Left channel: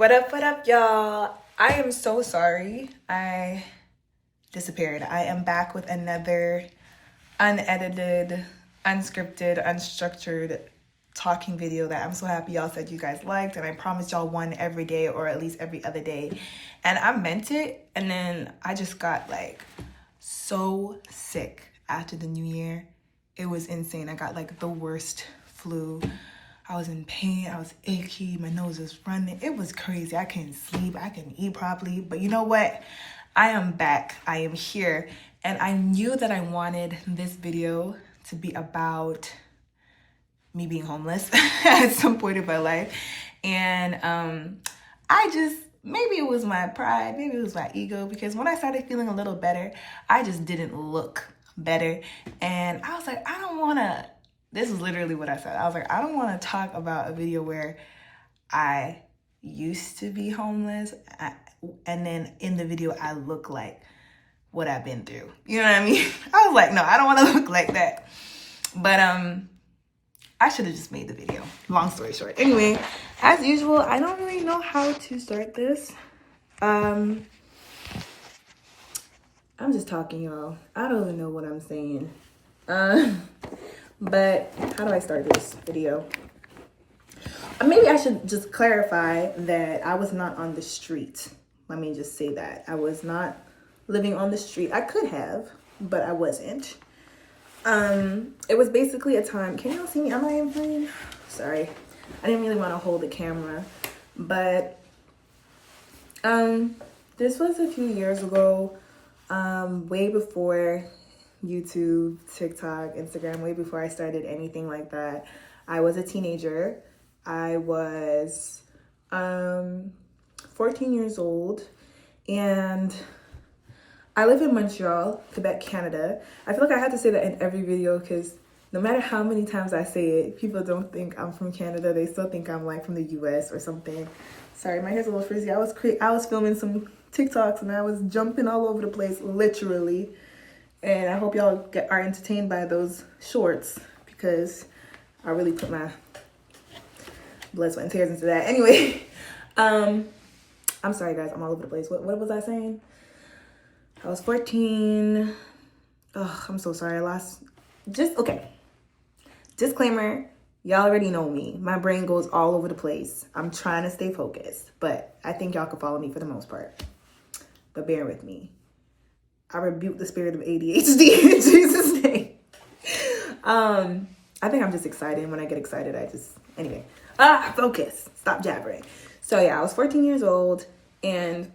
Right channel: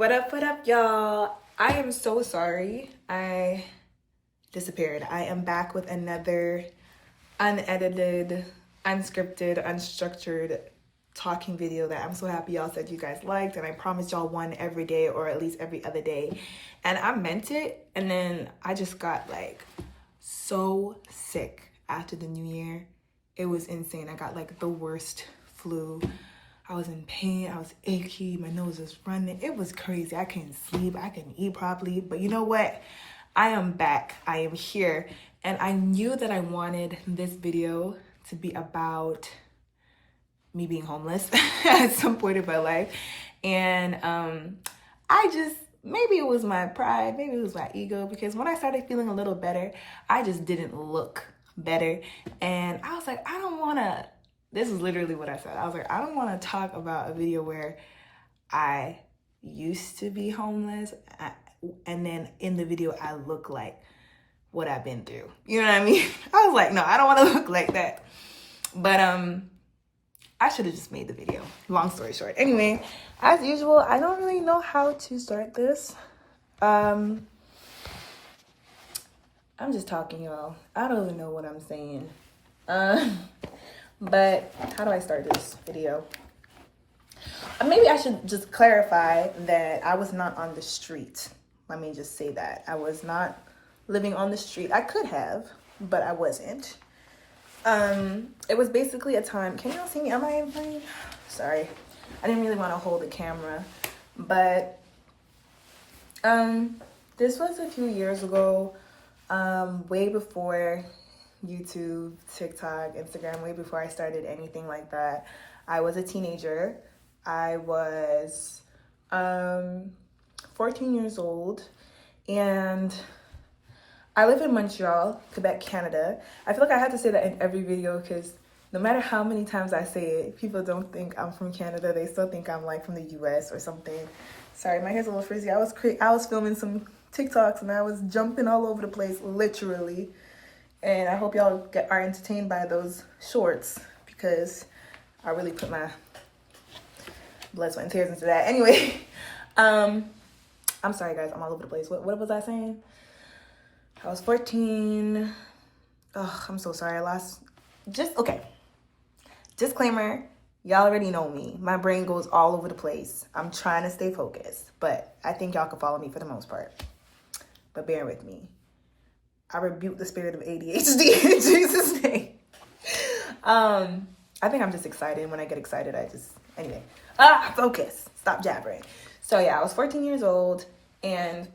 What up, y'all? I am so sorry. I disappeared. I am back with another unedited, unscripted, unstructured talking video that I'm so happy y'all said you guys liked, and I promised y'all one every day or at least every other day. And I meant it, and then I just got like so sick after the new year. It was insane. I got like the worst flu. I was in pain, I was achy, my nose was running. It was crazy. I couldn't sleep, I couldn't eat properly. But you know what? I am back, I am here. And I knew that I wanted this video to be about me being homeless at some point in my life. And maybe it was my pride, maybe it was my ego, because when I started feeling a little better, I just didn't look better. And I was like, I don't wanna, this is literally what I said. I was like, I don't want to talk about a video where I used to be homeless and then in the video I look like what I've been through. You know what I mean? I was like, no, I don't want to look like that. But I should have just made the video. Long story short. Anyway, as usual, I don't really know how to start this. I'm just talking, y'all. I don't even know what I'm saying. But how do I start this video? Maybe I should just clarify that I was not on the street. Let me just say that. I was not living on the street. I could have, but I wasn't. It was basically a time. Can y'all see me? Am I in frame? Sorry. I didn't really want to hold the camera. But this was a few years ago, way before YouTube, TikTok, Instagram, way before I started anything like that. I was a teenager. I was 14 years old, and I live in Montreal, Quebec, Canada. I feel like I have to say that in every video because no matter how many times I say it, people don't think I'm from Canada. They still think I'm like from the US or something. Sorry, my hair's a little frizzy. I was filming some TikToks and I was jumping all over the place, literally. And I hope y'all are entertained by those shorts because I really put my blood, sweat, and tears into that. Anyway, I'm sorry, guys. I'm all over the place. What was I saying? I was 14. Oh, I'm so sorry. Okay. Disclaimer. Y'all already know me. My brain goes all over the place. I'm trying to stay focused, but I think y'all can follow me for the most part. But bear with me. I rebuke the spirit of ADHD in Jesus' name. I think I'm just excited. When I get excited, anyway. Focus. Stop jabbering. So yeah, I was 14 years old, and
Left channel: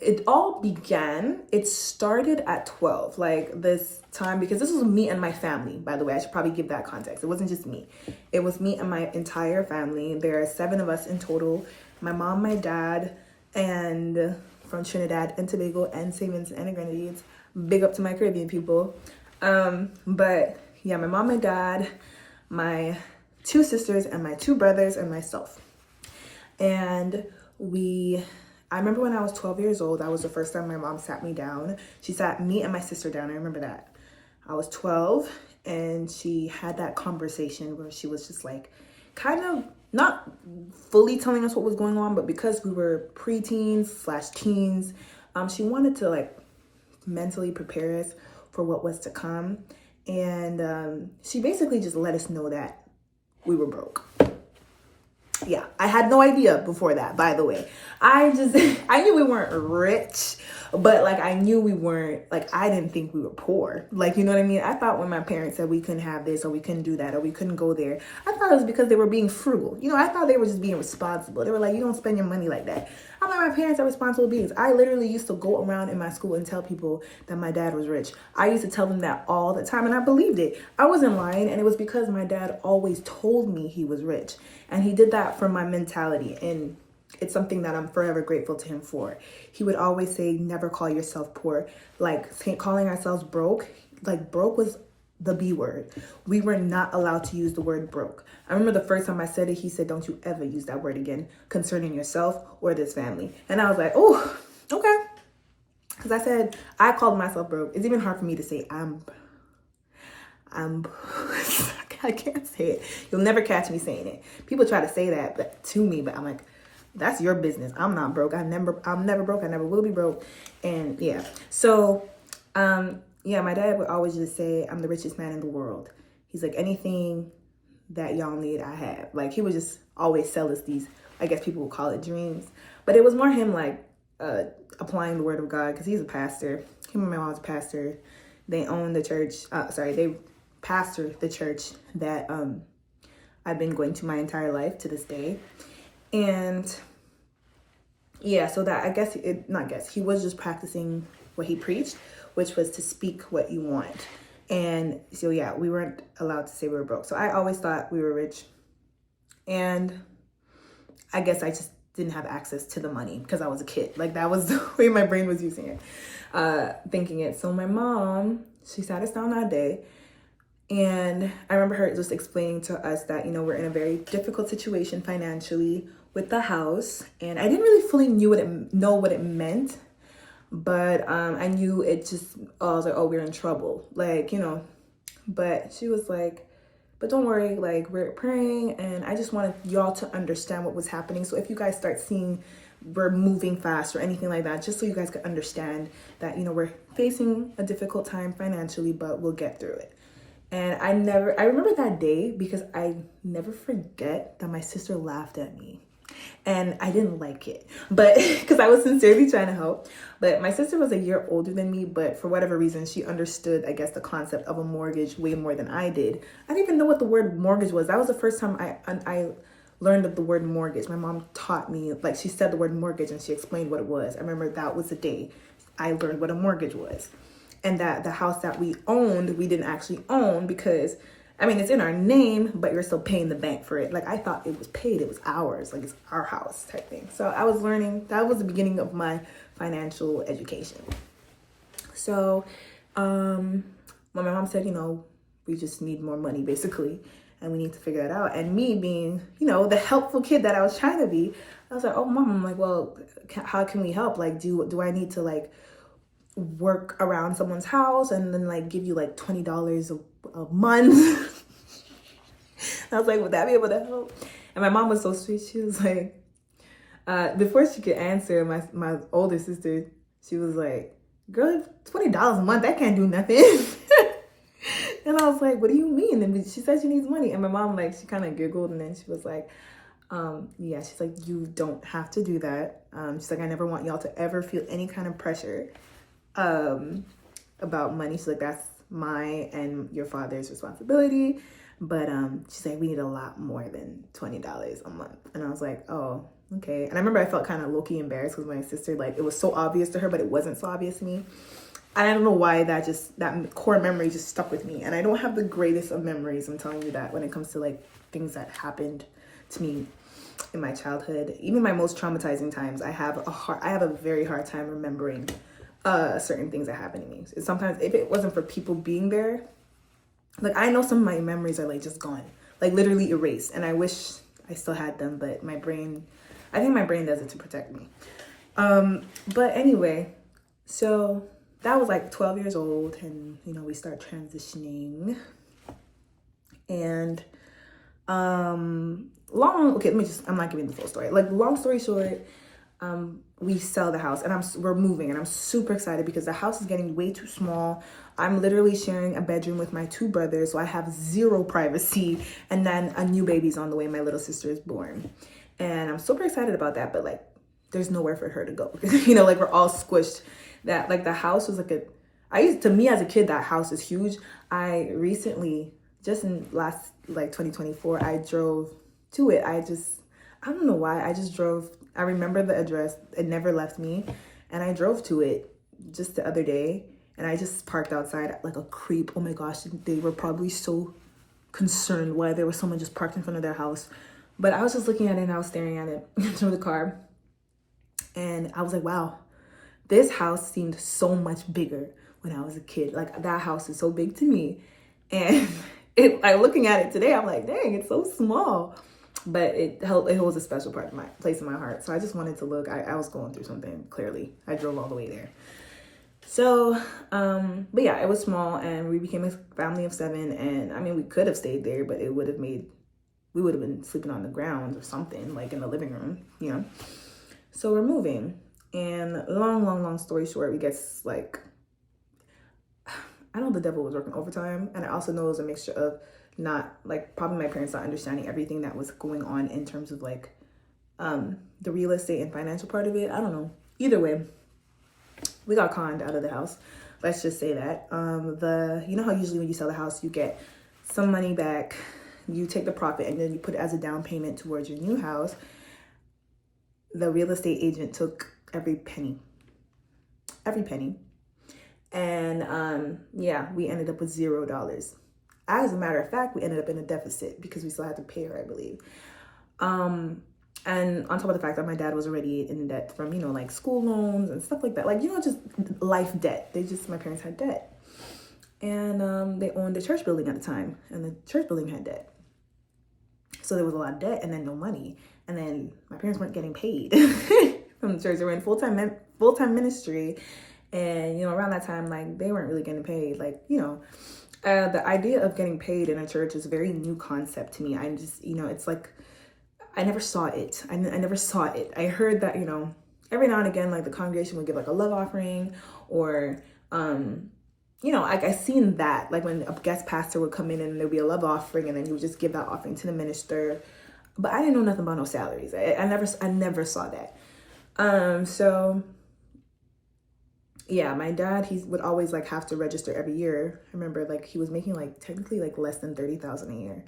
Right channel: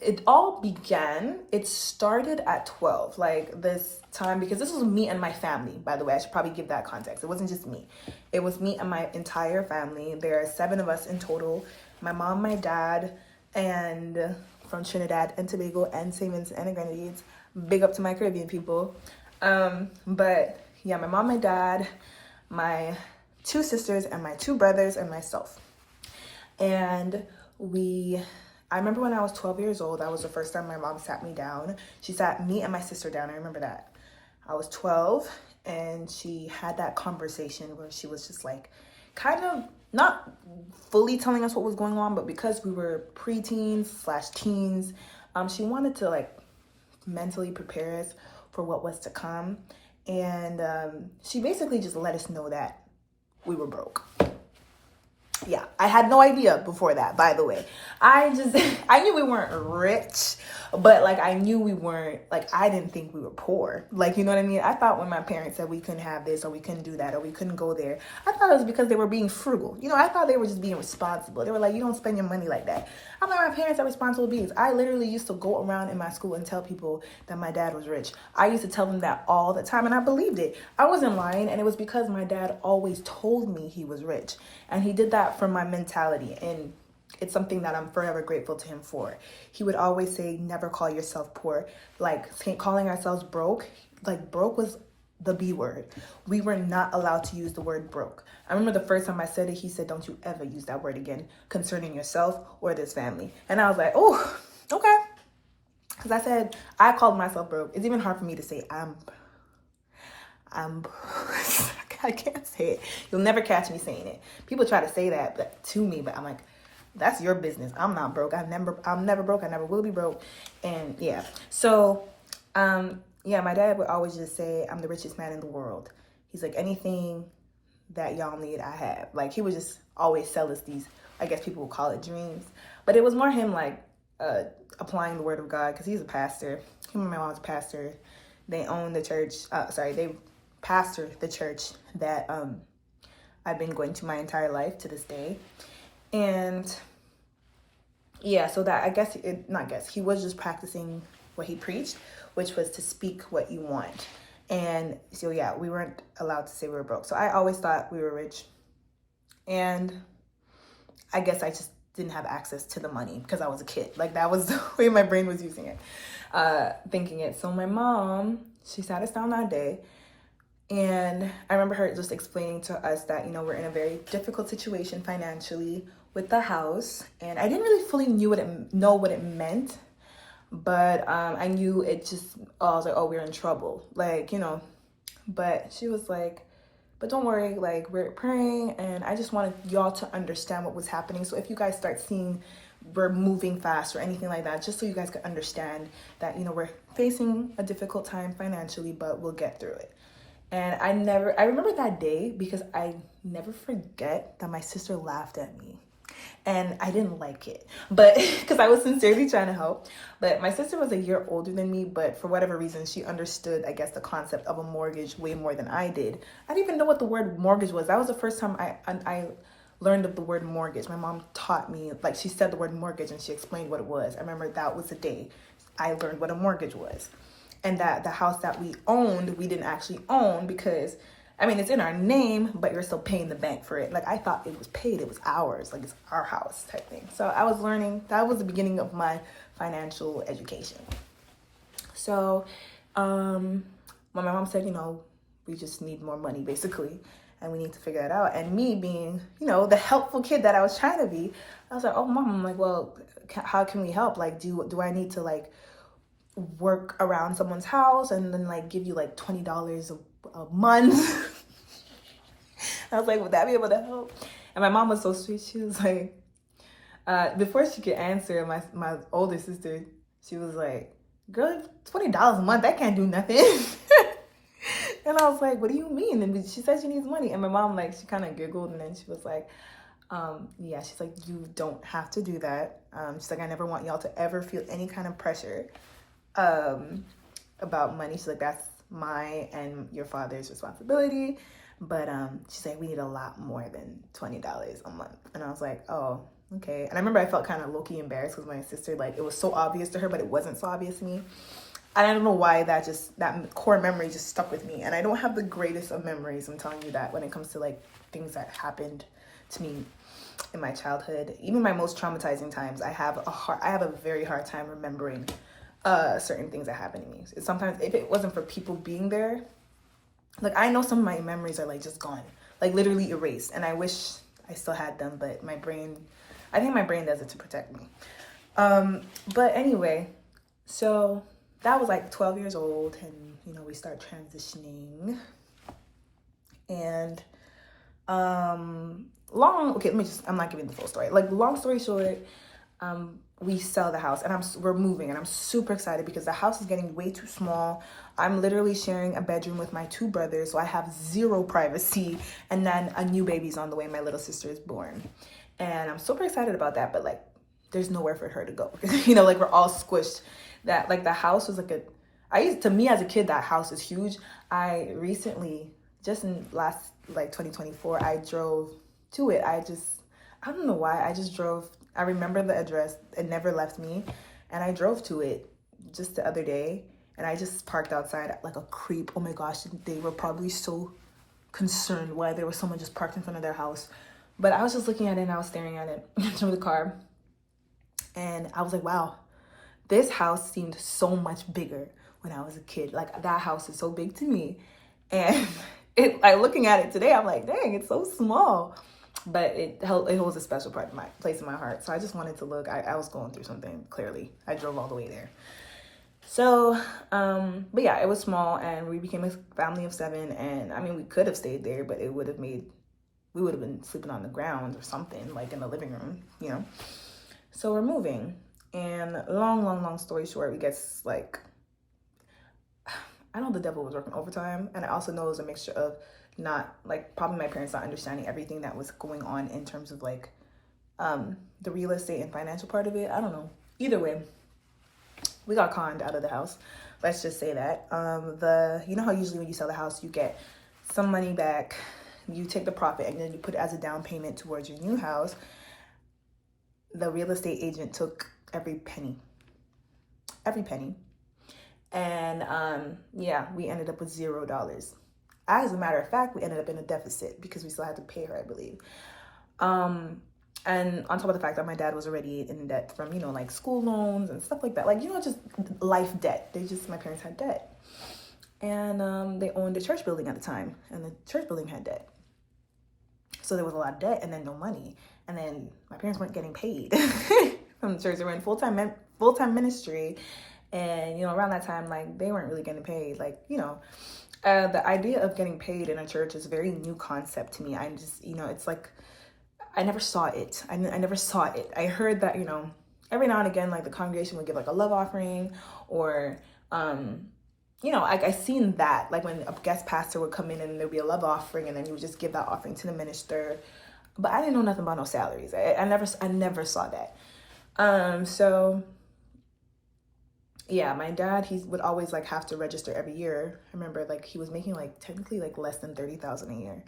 it started at 12, like this time, because this was me and my family, by the way. I should probably give that context. It wasn't just me. It was me and my entire family. There are 7 of us in total. My mom, my dad, and from Trinidad and Tobago and St. Vincent and the Grenadines. Big up to my Caribbean people. But yeah, my mom, my dad, my 2 sisters, and my 2 brothers, and myself. And I remember when I was 12 years old, that was the first time my mom sat me down. She sat me and my sister down. I remember that. I was 12, and she had that conversation where she was just like, kind of not fully telling us what was going on, but because we were preteens/teens, she wanted to like mentally prepare us for what was to come. And she basically just let us know that we were broke. Yeah, I had no idea before that, by the way. I knew we weren't rich, but like I knew we weren't, like I didn't think we were poor. Like, you know what I mean? I thought when my parents said we couldn't have this or we couldn't do that or we couldn't go there, I thought it was because they were being frugal. You know, I thought they were just being responsible. They were like, you don't spend your money like that. I'm like, my parents are responsible beings. I literally used to go around in my school and tell people that my dad was rich. I used to tell them that all the time, and I believed it. I wasn't lying, and it was because my dad always told me he was rich. And he did that for my mentality, and it's something that I'm forever grateful to him for. He would always say, never call yourself poor. Like, calling ourselves broke, like broke was the B word. We were not allowed to use the word broke. I remember the first time I said it, he said, don't you ever use that word again concerning yourself or this family. And I was like, oh, okay. Because I said, I called myself broke. It's even hard for me to say I'm I can't say it. You'll never catch me saying it. People try to say that to me, but I'm like, that's your business. I'm not broke. I'm never broke. I never will be broke. And yeah. So, yeah, my dad would always just say, I'm the richest man in the world. He's like, anything that y'all need, I have. Like, he would just always sell us these, I guess people would call it dreams. But it was more him, like, applying the word of God, because he's a pastor. Him and my mom's a pastor. They own the church. They pastor the church that I've been going to my entire life to this day. And yeah, so that he was just practicing what he preached, which was to speak what you want. And so yeah, we weren't allowed to say we were broke. So I always thought we were rich. And I guess I just didn't have access to the money because I was a kid. Like, that was the way my brain was using it, thinking it. So my mom, she sat us down that day, and I remember her just explaining to us that, we're in a very difficult situation financially with the house. And I didn't really fully know what it meant, but I knew it just, I was like, oh, we're in trouble. Like, but she was like, but don't worry, like, we're praying, and I just wanted y'all to understand what was happening. So if you guys start seeing we're moving fast or anything like that, just so you guys could understand that, we're facing a difficult time financially, but we'll get through it. And I remember that day because I never forget that my sister laughed at me. And I didn't like it, but because I was sincerely trying to help. But my sister was a year older than me, but for whatever reason, she understood, I guess, the concept of a mortgage way more than I did. I didn't even know what the word mortgage was. That was the first time I learned of the word mortgage. My mom taught me, like, she said the word mortgage and she explained what it was. I remember that was the day I learned what a mortgage was. And that the house that we owned, we didn't actually own because, it's in our name, but you're still paying the bank for it. Like, I thought it was paid. It was ours. Like, it's our house type thing. So I was learning. That was the beginning of my financial education. So when my mom said, we just need more money, basically, and we need to figure it out. And me being, the helpful kid that I was trying to be, I was like, oh, Mom, I'm like, well, how can we help? Like, do I need to, like, work around someone's house and then, like, give you, like, $20 a month? I was like, would that be able to help? And my mom was so sweet. She was like, before she could answer, my older sister, she was like, girl, $20 a month, that can't do nothing. And I was like, what do you mean? And she said she needs money. And my mom, like, she kind of giggled, and then she was like, yeah, she's like, you don't have to do that. She's like, I never want y'all to ever feel any kind of pressure about money. She's like, that's my and your father's responsibility. But she's like, we need a lot more than $20 a month. And I was like, oh, okay. And I remember I felt kind of low-key embarrassed because my sister, like, it was so obvious to her, but it wasn't so obvious to me. And I don't know why that core memory just stuck with me. And I don't have the greatest of memories, I'm telling you that, when it comes to, like, things that happened to me in my childhood. Even my most traumatizing times, I have a very hard time remembering certain things that happened to me. Sometimes if it wasn't for people being there, like, I know some of my memories are, like, just gone, like, literally erased. And I wish I still had them, but I think my brain does it to protect me. But anyway, so that was like 12 years old, and, we start transitioning. And I'm not giving the full story. Like, long story short, we sell the house, and we're moving, and I'm super excited because the house is getting way too small. I'm literally sharing a bedroom with my two brothers, so I have zero privacy. And then a new baby's on the way. My little sister is born, and I'm super excited about that. But, like, there's nowhere for her to go. Like, we're all squished. That, like, the house was like to me as a kid, that house is huge. I recently, just in last, like, 2024, I drove to it. I don't know why. I just drove. I remember the address. It never left me. And I drove to it just the other day. And I just parked outside like a creep. Oh my gosh, they were probably so concerned why there was someone just parked in front of their house. But I was just looking at it, and I was staring at it through the car. And I was like, wow, this house seemed so much bigger when I was a kid. Like, that house is so big to me. And looking at it today, I'm like, dang, it's so small. But it holds a special place in my heart. So I just wanted to look. I was going through something, clearly. I drove all the way there. So, but yeah, it was small, and we became a family of 7. And I mean, we could have stayed there, but we would have been sleeping on the ground or something, like in the living room, you know? So we're moving, and long story short, we get like, I know the devil was working overtime, and I also know it was a mixture of not, like, probably my parents not understanding everything that was going on in terms of like, the real estate and financial part of it. I don't know. Either way, we got conned out of the house. Let's just say that. You know how usually when you sell the house, you get some money back, you take the profit, and then you put it as a down payment towards your new house. The real estate agent took every penny. And yeah, we ended up with $0. As a matter of fact, we ended up in a deficit because we still had to pay her, I believe. And on top of the fact that my dad was already in debt from, you know, like school loans and stuff like that. Like, you know, just life debt. My parents had debt. And they owned a church building at the time. And the church building had debt. So there was a lot of debt and then no money. And then my parents weren't getting paid from the church. They were in full-time ministry. And, you know, around that time, like, they weren't really getting paid. Like, you know, the idea of getting paid in a church is a very new concept to me. I'm just, you know, it's like, I never saw it. I never saw it. I heard that, you know, every now and again, like, the congregation would give like a love offering, or, you know, like, I seen that, like, when a guest pastor would come in and there'd be a love offering, and then you would just give that offering to the minister. But I didn't know nothing about no salaries. I never saw that. So yeah, my dad, he would always like have to register every year. I remember, like, he was making like technically like less than $30,000 a year.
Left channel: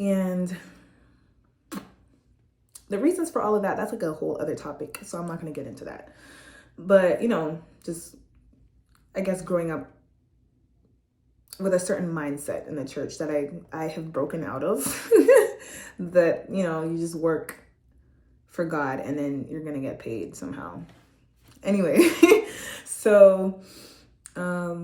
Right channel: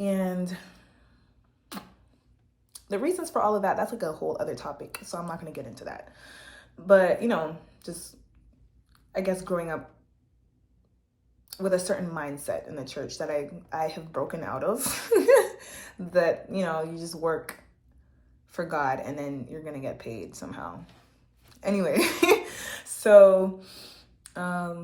And the reasons for all of that, that's like a whole other topic. So I'm not going to get into that. But, you know, just, I guess, growing up with a certain mindset in the church that I have broken out of, that, you know, you just work for God and then you're going to get paid somehow. Anyway, so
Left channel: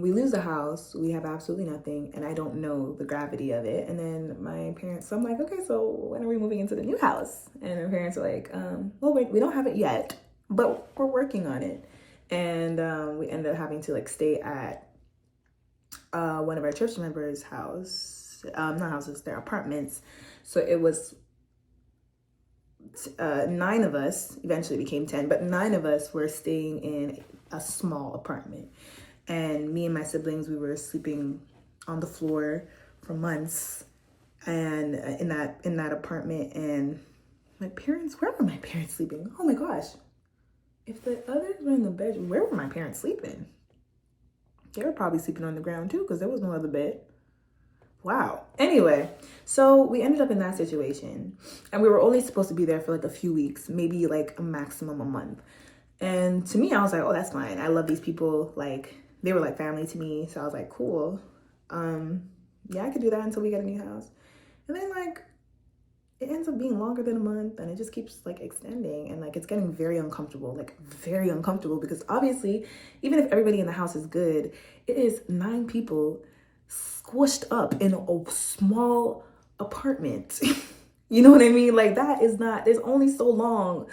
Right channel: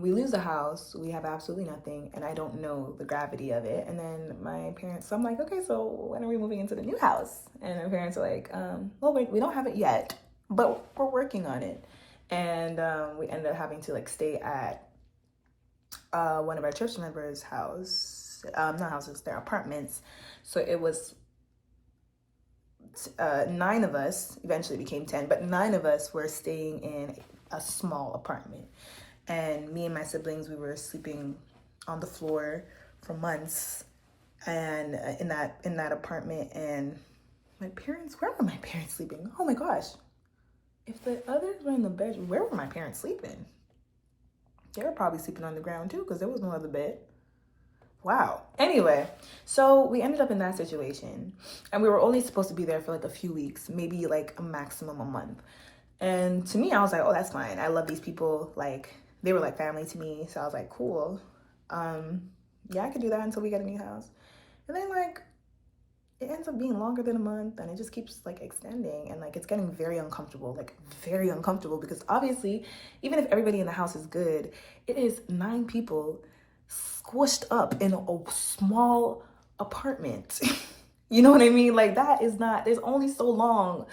we lose the house. We have absolutely nothing. And I don't know the gravity of it. And then my parents, so I'm like, okay, so when are we moving into the new house? And my parents are like, well, we don't have it yet, but we're working on it. And we ended up having to like stay at one of our church members' house, not houses, their apartments. So it was 9 of us, eventually became 10, but 9 of us were staying in a small apartment. And me and my siblings, we were sleeping on the floor for months, and in that apartment. And my parents, where were my parents sleeping? Oh my gosh. If the others were in the bedroom, where were my parents sleeping? They were probably sleeping on the ground too, because there was no other bed. Wow. Anyway, so we ended up in that situation, and we were only supposed to be there for like a few weeks, maybe like a maximum a month. And to me, I was like, oh, that's fine. I love these people. Like, they were like family to me. So I was like, cool. Yeah, I could do that until we get a new house. And then like, it ends up being longer than a month, and it just keeps like extending, and like, it's getting very uncomfortable, because obviously, even if everybody in the house is good, it is 9 people squished up in a small apartment. You know what I mean? Like, that is not, there's only so long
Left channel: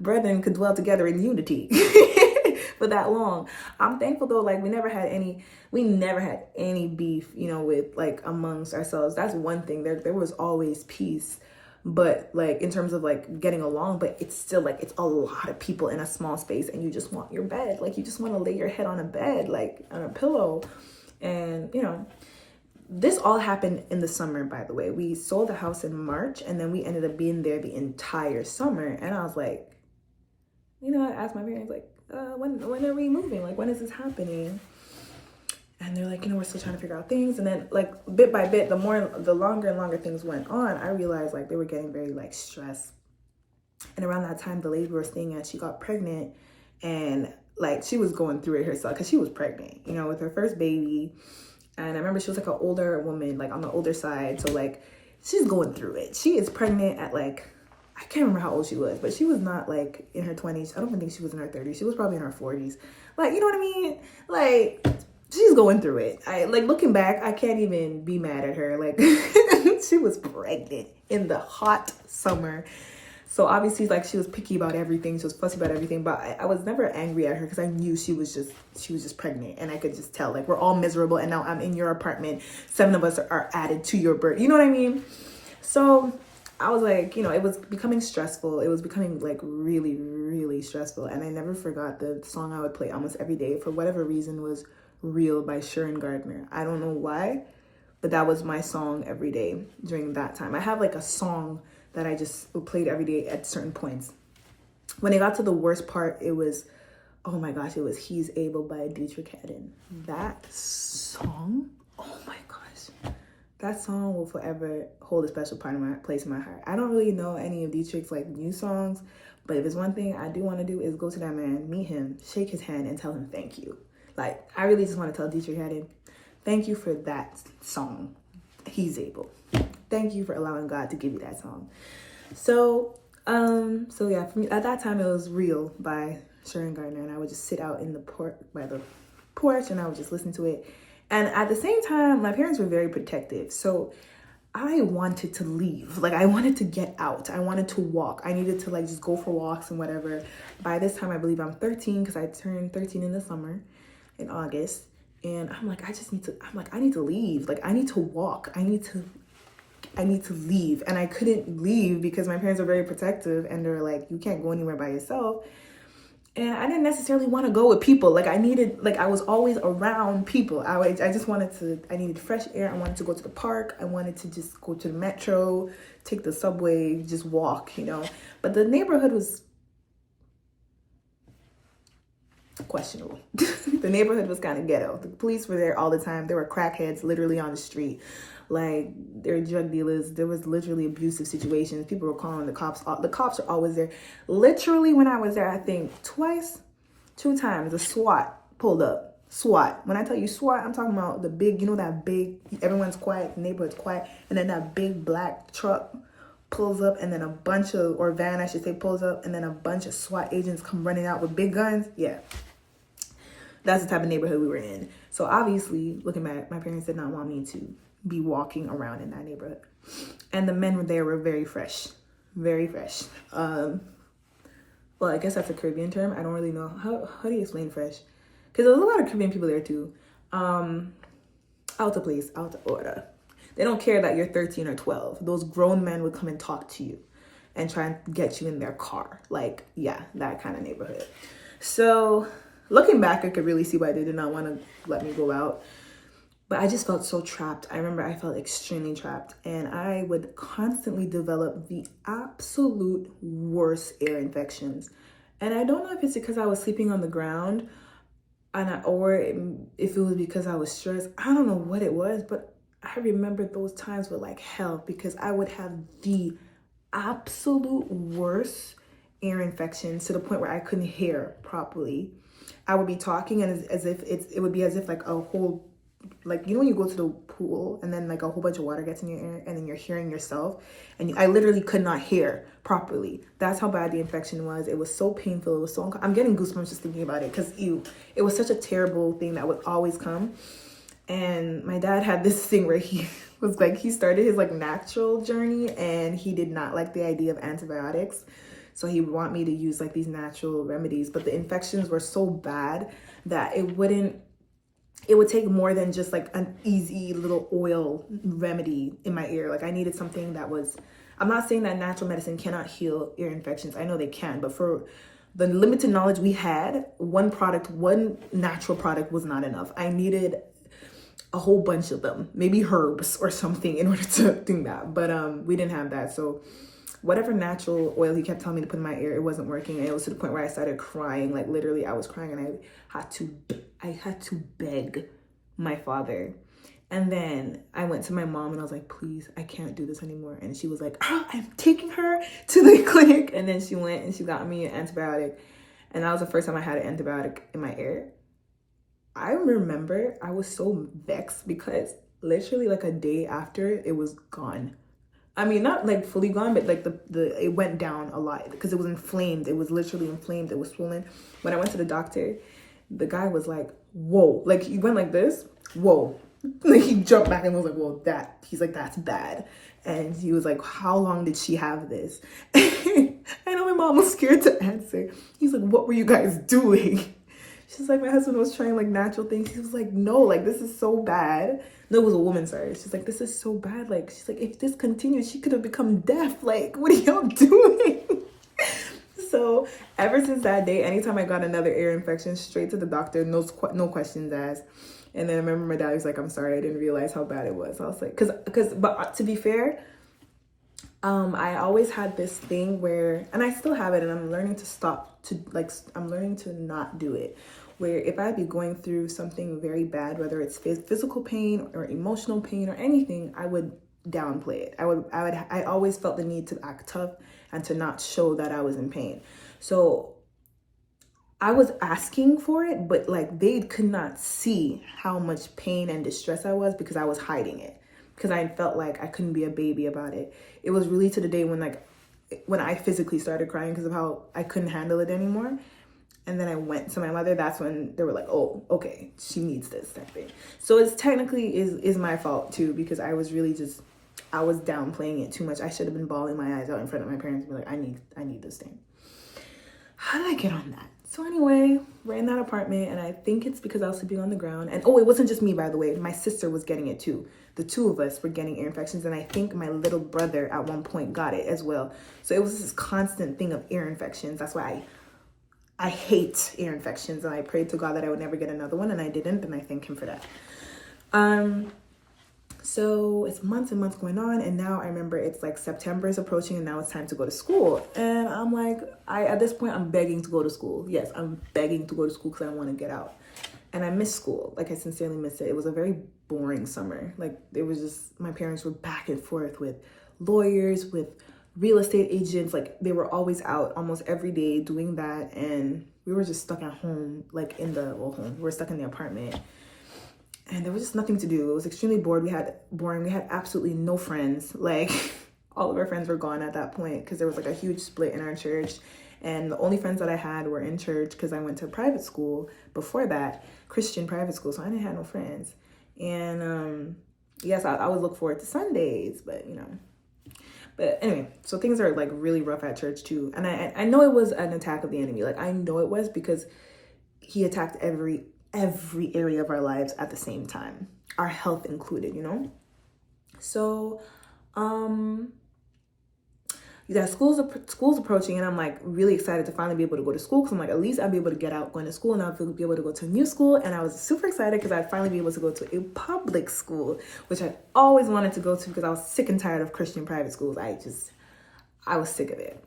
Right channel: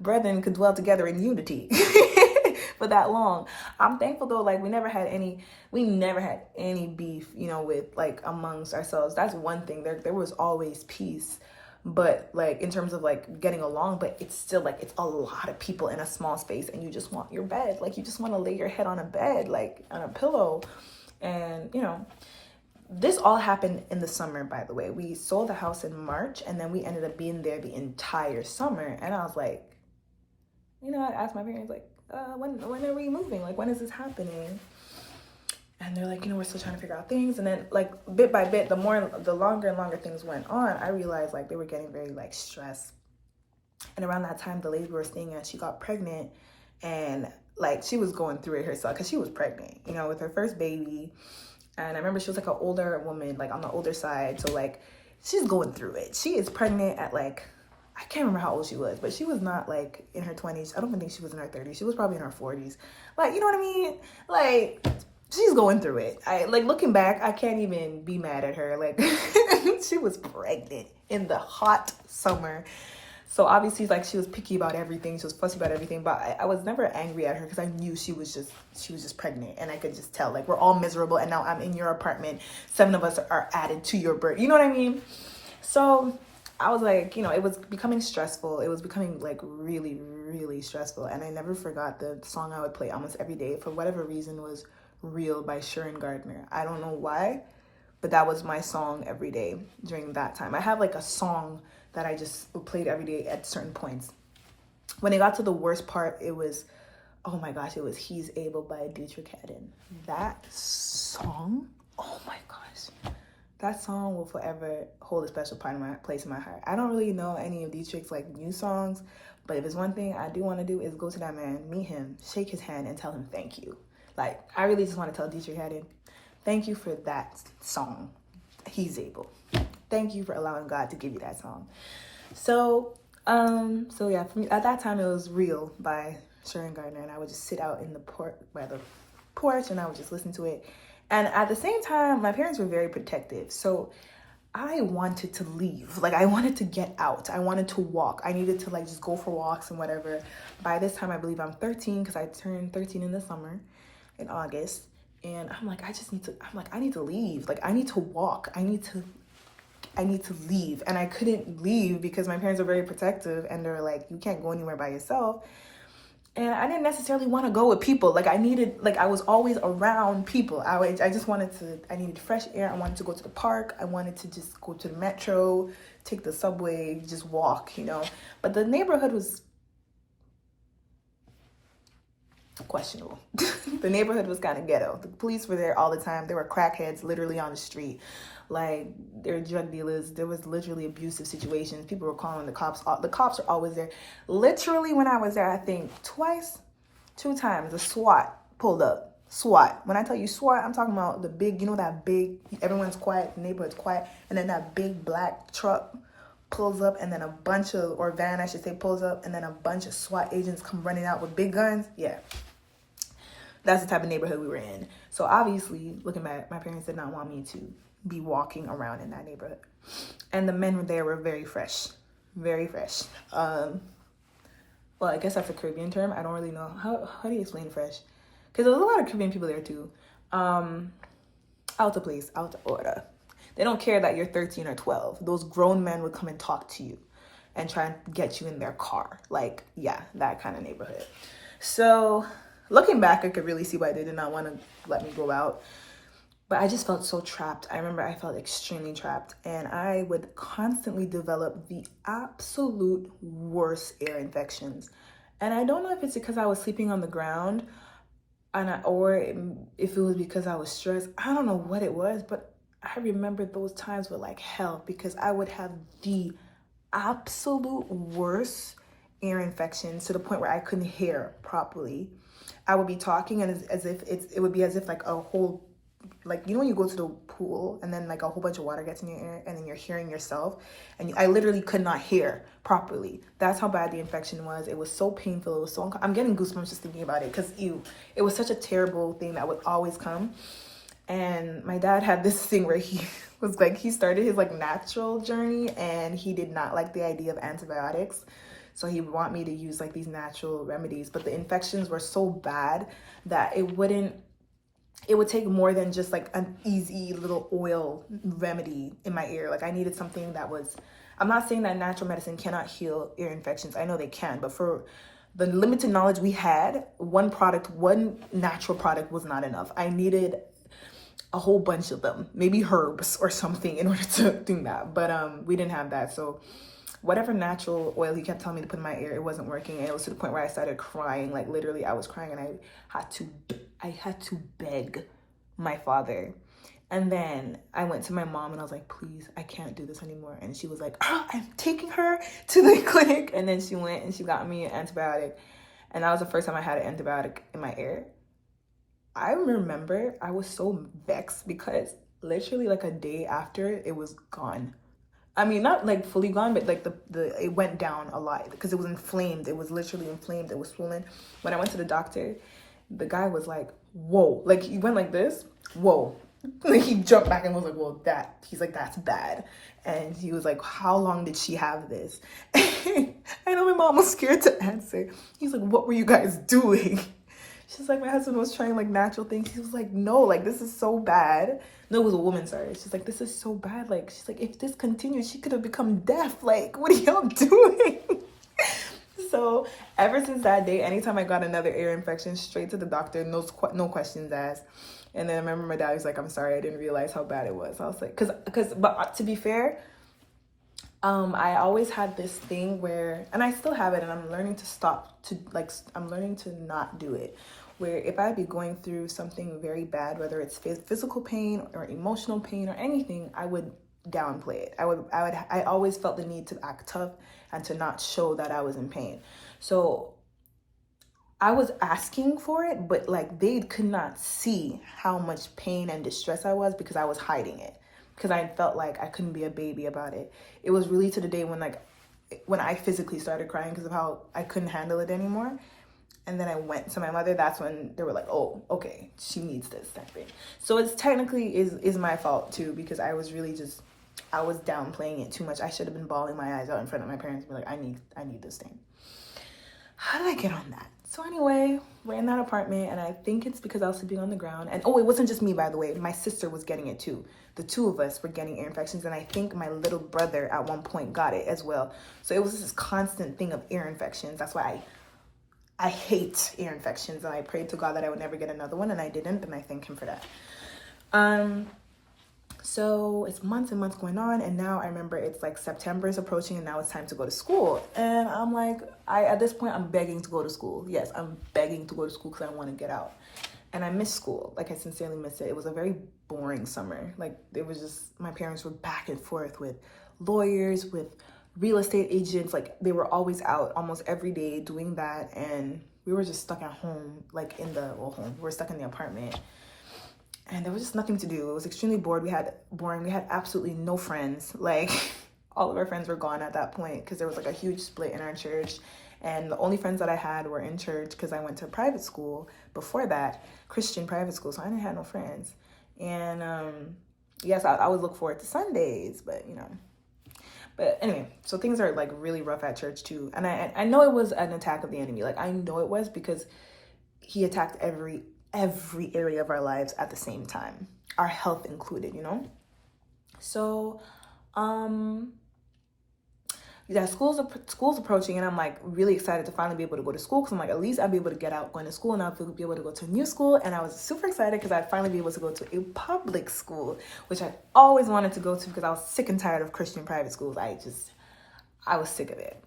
brethren could dwell together in unity for that long. I'm thankful though, like, we never had any beef, you know, with like amongst ourselves. That's one thing. There was always peace. But like, in terms of like getting along, but it's still like, it's a lot of people in a small space, and you just want your bed. Like, you just want to lay your head on a bed, like on a pillow. And, you know, this all happened in the summer, by the way. We sold the house in March, and then we ended up being there the entire summer. And I was like, you know, I asked my parents, like, when are we moving? Like, when is this happening? And they're like, you know, we're still trying to figure out things. And then like, bit by bit, the longer and longer things went on, I realized like they were getting very like stressed. And around that time, the lady we were staying at, she got pregnant, and like, she was going through it herself, because she was pregnant, you know, with her first baby. And I remember she was like an older woman, like on the older side. So like, she's going through it. She is pregnant at like, I can't remember how old she was, but she was not like in her 20s. I don't even think she was in her 30s. She was probably in her 40s. Like, you know what I mean? Like, she's going through it. I like, looking back, I can't even be mad at her. Like, she was pregnant in the hot summer. So obviously, like, she was picky about everything. She was fussy about everything. But I was never angry at her because I knew she was just pregnant. And I could just tell, like, we're all miserable. And now I'm in your apartment. 7 of us are added to your birth. You know what I mean? So I was like, you know, it was becoming stressful. It was becoming, like, really, really stressful. And I never forgot the song I would play almost every day, for whatever reason, was Real by Sharon Gardner. I don't know why, but that was my song every day during that time. I have, like, a song that I just played every day at certain points. When it got to the worst part, it was, oh my gosh, it was He's Able by Dietrich Haddon. That song, oh my gosh. That song will forever hold a special place in my heart. I don't really know any of Dietrich's, like, new songs, but if it's one thing I do want to do is go to that man, meet him, shake his hand, and tell him thank you. Like, I really just want to tell Dietrich Haddon, thank you for that song, He's Able. Thank you for allowing God to give you that song. So yeah, for me, at that time, it was Real by Sharon Gardner, and I would just sit out in the by the porch, and I would just listen to it. And at the same time, my parents were very protective, so I wanted to leave. Like, I wanted to get out. I wanted to walk. I needed to, like, just go for walks and whatever. By this time, I believe I'm 13, because I turned 13 in the summer, in August. And I'm like, I need to leave. Like, I need to walk. I need to leave. And I couldn't leave because my parents are very protective, and they're like, you can't go anywhere by yourself. And I didn't necessarily want to go with people. Like, I was always around people. I needed fresh air. I wanted to go to the park. I wanted to just go to the metro, take the subway, just walk, you know. But the neighborhood was questionable. The neighborhood was kind of ghetto. The police were there all the time. There were crackheads literally on the street. Like, there were drug dealers. There was literally abusive situations. People were calling the cops. The cops are always there. Literally, when I was there, I think 2 times, the SWAT pulled up. SWAT. When I tell you SWAT, I'm talking about the big, you know, that big, everyone's quiet, the neighborhood's quiet, and then that big black truck pulls up, and then or van, I should say, pulls up, and then a bunch of SWAT agents come running out with big guns. Yeah. That's the type of neighborhood we were in. So obviously, looking back, my parents did not want me to be walking around in that neighborhood. And the men there were very fresh. Very fresh. Well, I guess that's a Caribbean term. I don't really know. How do you explain fresh? Because there's a lot of Caribbean people there too. Out of order. They don't care that you're 13 or 12. Those grown men would come and talk to you and try and get you in their car. Like, yeah, that kind of neighborhood. So looking back, I could really see why they did not want to let me go out. But I just felt so trapped. I remember I felt extremely trapped. And I would constantly develop the absolute worst ear infections. And I don't know if it's because I was sleeping on the ground or if it was because I was stressed. I don't know what it was, but I remember those times were like hell, because I would have the absolute worst ear infections to the point where I couldn't hear properly. I would be talking, and it would be as if like a whole, like, you know when you go to the pool and then like a whole bunch of water gets in your ear and then you're hearing yourself, and I literally could not hear properly. That's how bad the infection was. It was so painful. It was so I'm getting goosebumps just thinking about it, because it was such a terrible thing that would always come. And my dad had this thing where he was like, he started his like natural journey, and he did not like the idea of antibiotics. So he would want me to use like these natural remedies, but the infections were so bad that it would take more than just like an easy little oil remedy in my ear. Like, I needed something that was, I'm not saying that natural medicine cannot heal ear infections. I know they can, but for the limited knowledge we had, one natural product was not enough. I needed a whole bunch of them, maybe herbs or something, in order to do that. But we didn't have that. So whatever natural oil he kept telling me to put in my ear, it wasn't working. And it was to the point where I started crying. Like, literally, I was crying, and I had to beg my father. And then I went to my mom, and I was like, please, I can't do this anymore. And she was like, I'm taking her to the clinic. And then she went and she got me an antibiotic. And that was the first time I had an antibiotic in my ear. I remember I was so vexed because literally like a day after, it was gone. I mean, not like fully gone, but like it went down a lot because it was inflamed. It was literally inflamed. It was swollen. When I went to the doctor, the guy was like, whoa, like he went like this, whoa. Like, he jumped back and was like, well, he's like, that's bad. And he was like, how long did she have this? I know my mom was scared to answer. He's like, what were you guys doing? She's like, my husband was trying like natural things. He was like, no, like, this is so bad. No, it was a woman, sorry. She's like, this is so bad. Like, she's like, if this continued, she could have become deaf. Like, what are y'all doing? So ever since that day, anytime I got another ear infection, straight to the doctor, no questions asked. And then I remember my dad was like, I'm sorry, I didn't realize how bad it was. I was like, but to be fair, I always had this thing where, and I still have it, and I'm learning I'm learning to not do it. Where if I'd be going through something very bad, whether it's physical pain or emotional pain or anything, I would downplay it. I always felt the need to act tough and to not show that I was in pain. So I was asking for it, but like they could not see how much pain and distress I was because I was hiding it. Because I felt like I couldn't be a baby about it. It was really to the day when I physically started crying because of how I couldn't handle it anymore. And then I went to my mother. That's when they were like, oh, okay, she needs this type thing. So it's technically is my fault too, because I was really I was downplaying it too much. I should have been bawling my eyes out in front of my parents and be like, I need this thing. How did I get on that? So anyway, we're in that apartment, and I think it's because I was sleeping on the ground. And oh, it wasn't just me, by the way. My sister was getting it too. The two of us were getting ear infections, and I think my little brother at one point got it as well. So it was this constant thing of ear infections. That's why I hate ear infections, and I prayed to God that I would never get another one, and I didn't, and I thank him for that. So it's months and months going on, and now I remember it's like September is approaching, and now it's time to go to school. And I'm like, at this point, I'm begging to go to school. Yes, I'm begging to go to school because I want to get out. And I miss school. Like, I sincerely miss it. It was a very boring summer. Like, it was just, my parents were back and forth with lawyers, with real estate agents. Like, they were always out almost every day doing that. And we were just stuck at home, like we were stuck in the apartment. And there was just nothing to do. It was extremely boring. We had absolutely no friends. Like, all of our friends were gone at that point because there was like a huge split in our church. And the only friends that I had were in church because I went to private school before that, Christian private school. So I didn't have no friends. And yes, I would look forward to Sundays, but But anyway, so things are like really rough at church too. And I know it was an attack of the enemy. Like, I know it was because he attacked every area of our lives at the same time, our health included, So school's approaching, and I'm like really excited to finally be able to go to school because I'm like, at least I'll be able to get out going to school, and I'll be able to go to a new school. And I was super excited because I'd finally be able to go to a public school, which I always wanted to go to because I was sick and tired of Christian private schools. I was sick of it.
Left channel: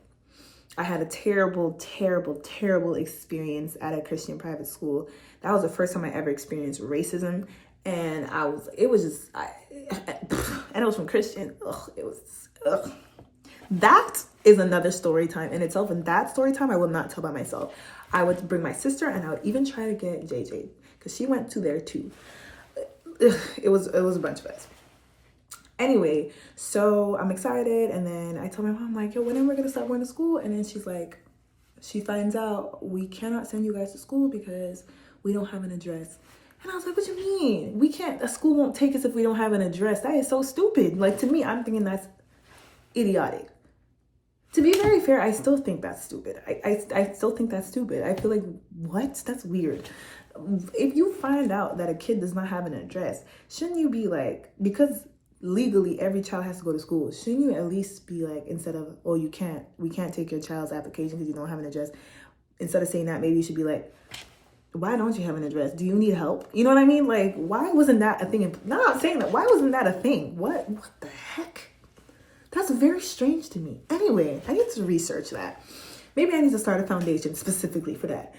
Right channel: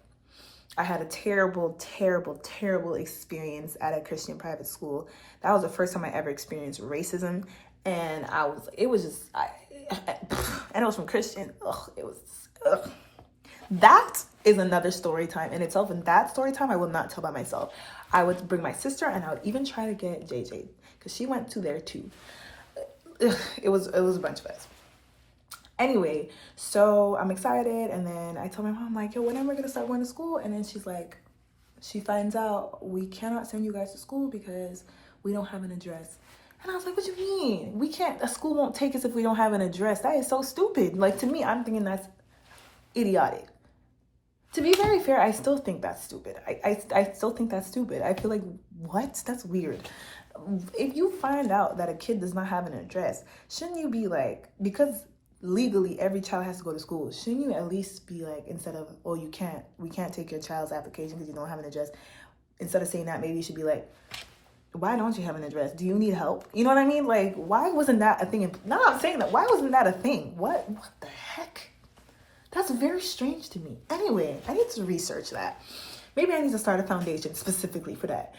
I had a terrible, terrible, terrible experience at a Christian private school. That was the first time I ever experienced racism. And it was from Christian. That is another story time in itself. And that story time I will not tell by myself. I would bring my sister, and I would even try to get JJ because she went to there too. It was a bunch of us. Anyway, so I'm excited, and then I told my mom, like, yo, when am I going to start going to school? And then she's like, she finds out we cannot send you guys to school because we don't have an address. And I was like, what do you mean? A school won't take us if we don't have an address. That is so stupid. Like, to me, I'm thinking that's idiotic. To be very fair, I still think that's stupid. I still think that's stupid. I feel like, what? That's weird. If you find out that a kid does not have an address, shouldn't you be like, because legally every child has to go to school, shouldn't you at least be like, instead of, oh, we can't take your child's application because you don't have an address, instead of saying that, maybe you should be like, why don't you have an address? Do you need help? You know what I mean? Like, why wasn't that a thing? No, I'm saying that. Why wasn't that a thing? What the heck? That's very strange to me. Anyway, I need to research that. Maybe I need to start a foundation specifically for that.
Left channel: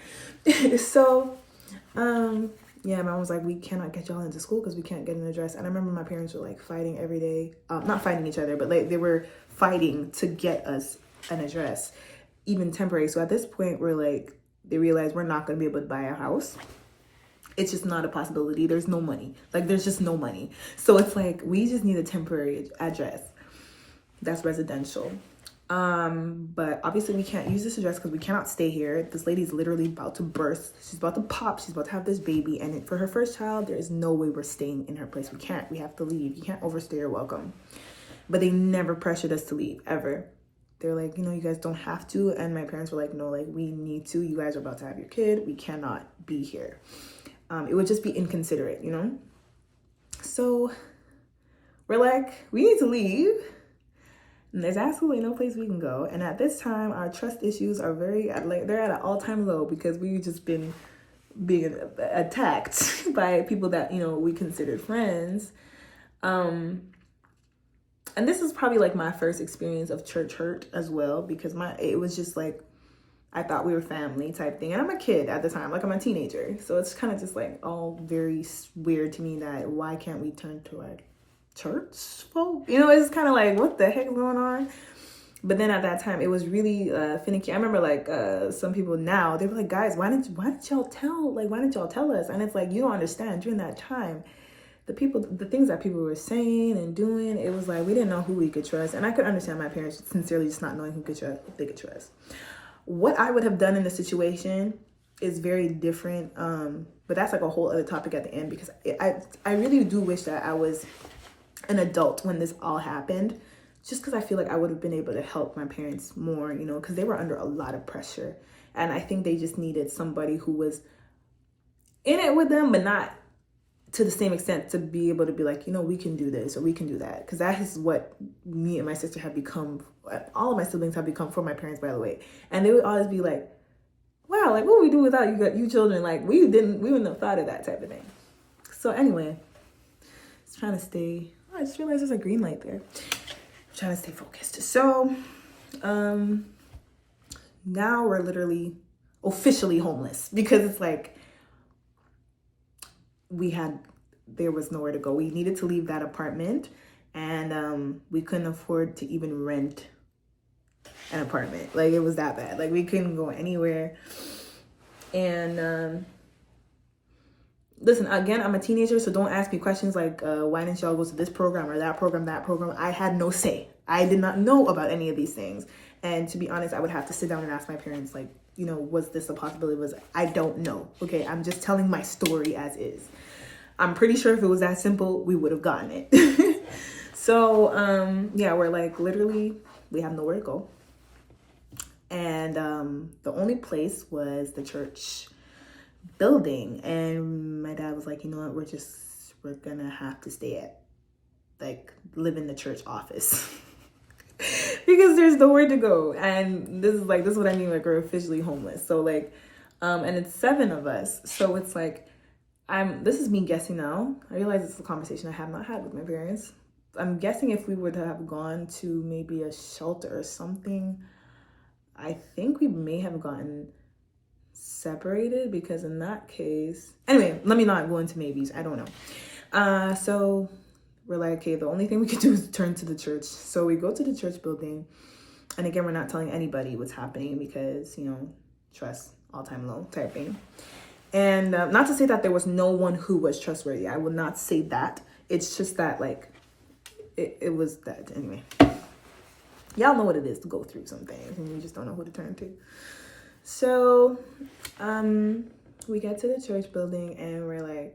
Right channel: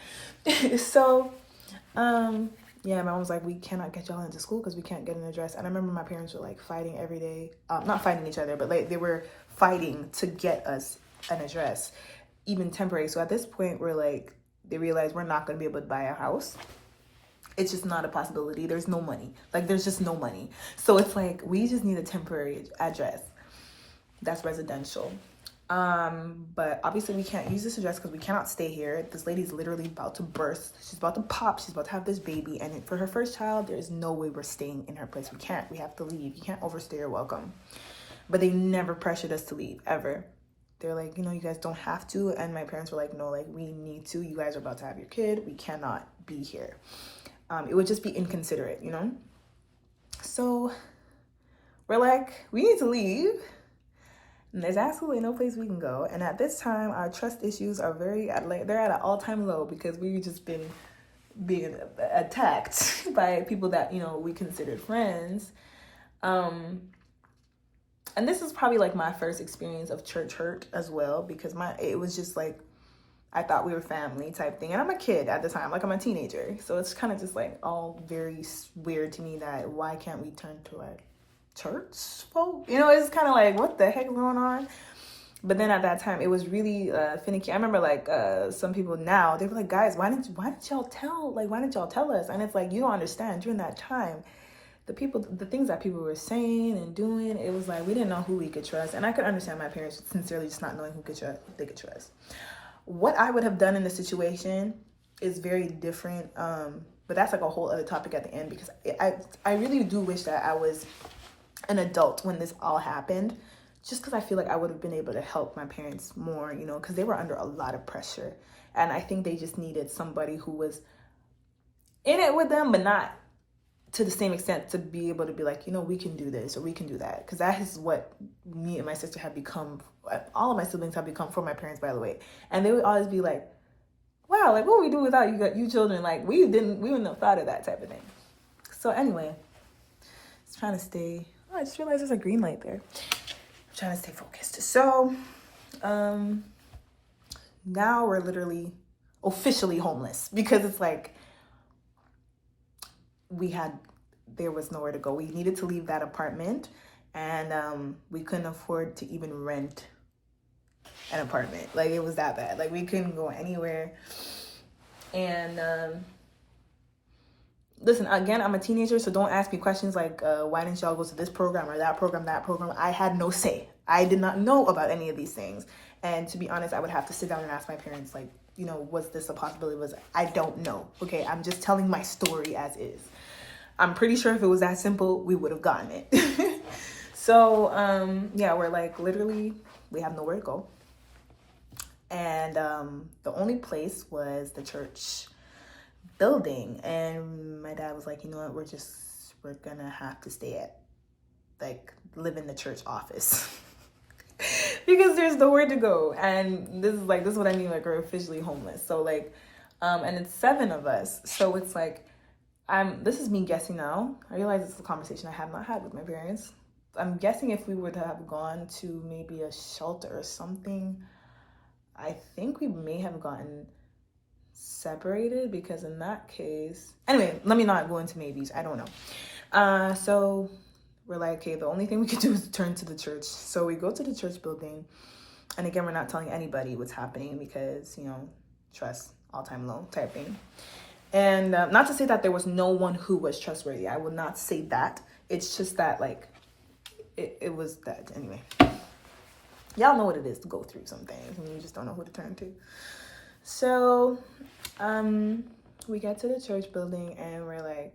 So, yeah, my mom was like, we cannot get y'all into school because we can't get an address. And I remember my parents were like fighting every day. Not fighting each other, but like they were fighting to get us an address, even temporary. So at this point, they realized we're not going to be able to buy a house. It's just not a possibility. There's no money. Like, there's just no money. So it's like, we just need a temporary address that's residential. But obviously we can't use this address because we cannot stay here. This lady's literally about to burst. She's about to pop. She's about to have this baby. And for her first child, there is no way we're staying in her place. We can't. We have to leave. You can't overstay your welcome. But they never pressured us to leave, ever. They're like, you guys don't have to. And my parents were like, no, like, we need to. You guys are about to have your kid. We cannot be here. It would just be inconsiderate, So we're like, we need to leave. And there's absolutely no place we can go. And at this time, our trust issues are they're at an all-time low because we've just been being attacked by people that, we considered friends. And this is probably like my first experience of church hurt as well, because it was just like, I thought we were family type thing. And I'm a kid at the time, like I'm a teenager. So it's kind of just like all very weird to me that why can't we turn to our church folk? It's kind of like, what the heck is going on? But then at that time, it was really finicky. I remember like some people now, they were like, guys, why didn't y'all tell us? And it's like, you don't understand. During that time, the things that people were saying and doing, it was like, we didn't know who we could trust. And I could understand my parents sincerely just not knowing who they could trust. What I would have done in the situation is very different. But that's like a whole other topic at the end, because I really do wish that I was an adult when this all happened, just because I feel like I would have been able to help my parents more, because they were under a lot of pressure. And I think they just needed somebody who was in it with them, but not to the same extent to be able to be like, we can do this or we can do that. Because that is what me and my sister have become. All of my siblings have become for my parents, by the way. And they would always be like, wow, like what would we do without you children? Like we wouldn't have thought of that type of thing. So anyway, just trying to stay. Oh, I just realized there's a green light there. I'm trying to stay focused. So now we're literally officially homeless, because it's like there was nowhere to go. We needed to leave that apartment, and we couldn't afford to even rent an apartment. Like it was that bad. Like we couldn't go anywhere. And listen, again, I'm a teenager, so don't ask me questions like, why didn't y'all go to this program or that program? I had no say. I did not know about any of these things. And to be honest, I would have to sit down and ask my parents, like, was this a possibility? I don't know. Okay, I'm just telling my story as is. I'm pretty sure if it was that simple, we would have gotten it. So, yeah, we're like, literally, we have nowhere to go. And the only place was the church building. And my dad was like, you know what, we're gonna have to live in the church office. Because there's nowhere to go. And this is what I mean, like, we're officially homeless. So like, and it's 7 of us. So it's like, this is me guessing now. I realize this is a conversation I have not had with my parents. I'm guessing if we were to have gone to maybe a shelter or something, I think we may have gotten separated, because in that case, anyway, let me not go into maybes. I don't know. So we're like, okay, the only thing we could do is turn to the church. So we go to the church building. And again, we're not telling anybody what's happening because, trust, all-time low type thing. And not to say that there was no one who was trustworthy. I would not say that. It's just that, like, it was that. Anyway, y'all know what it is to go through some things and you just don't know who to turn to. So we get to the church building and we're like,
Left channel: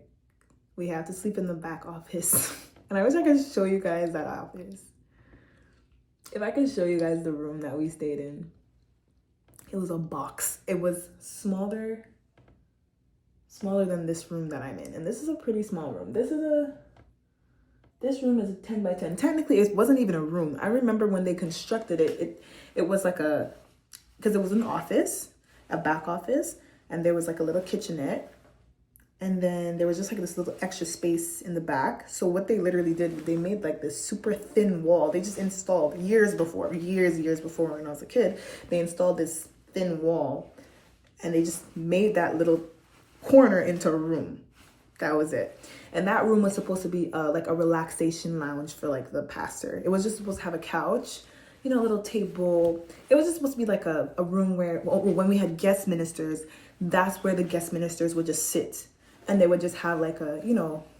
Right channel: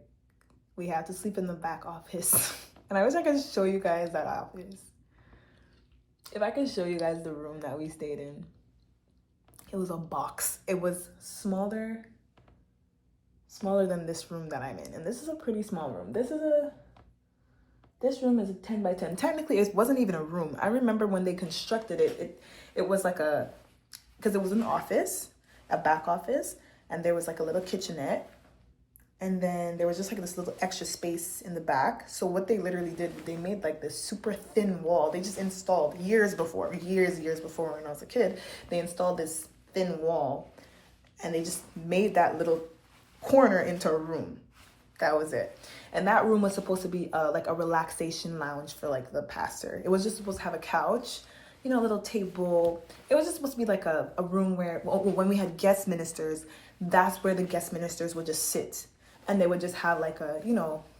we have to sleep in the back office. And I wish I could show you guys that office. If I could show you guys the room that we stayed in, it was a box. It was smaller than this room that I'm in. And this is a pretty small room. This room is a 10 by 10. Technically, it wasn't even a room. I remember when they constructed it, it was like because it was an office, a back office, and there was like a little kitchenette. And then there was just like this little extra space in the back. So what they literally did, they made like this super thin wall. They just installed years before when I was a kid, they installed this thin wall and they just made that little corner into a room. That was it. And that room was supposed to be like a relaxation lounge for like the pastor. It was just supposed to have a couch, a little table. It was just supposed to be like a room where, when we had guest ministers, that's where the guest ministers would just sit. And they would just have like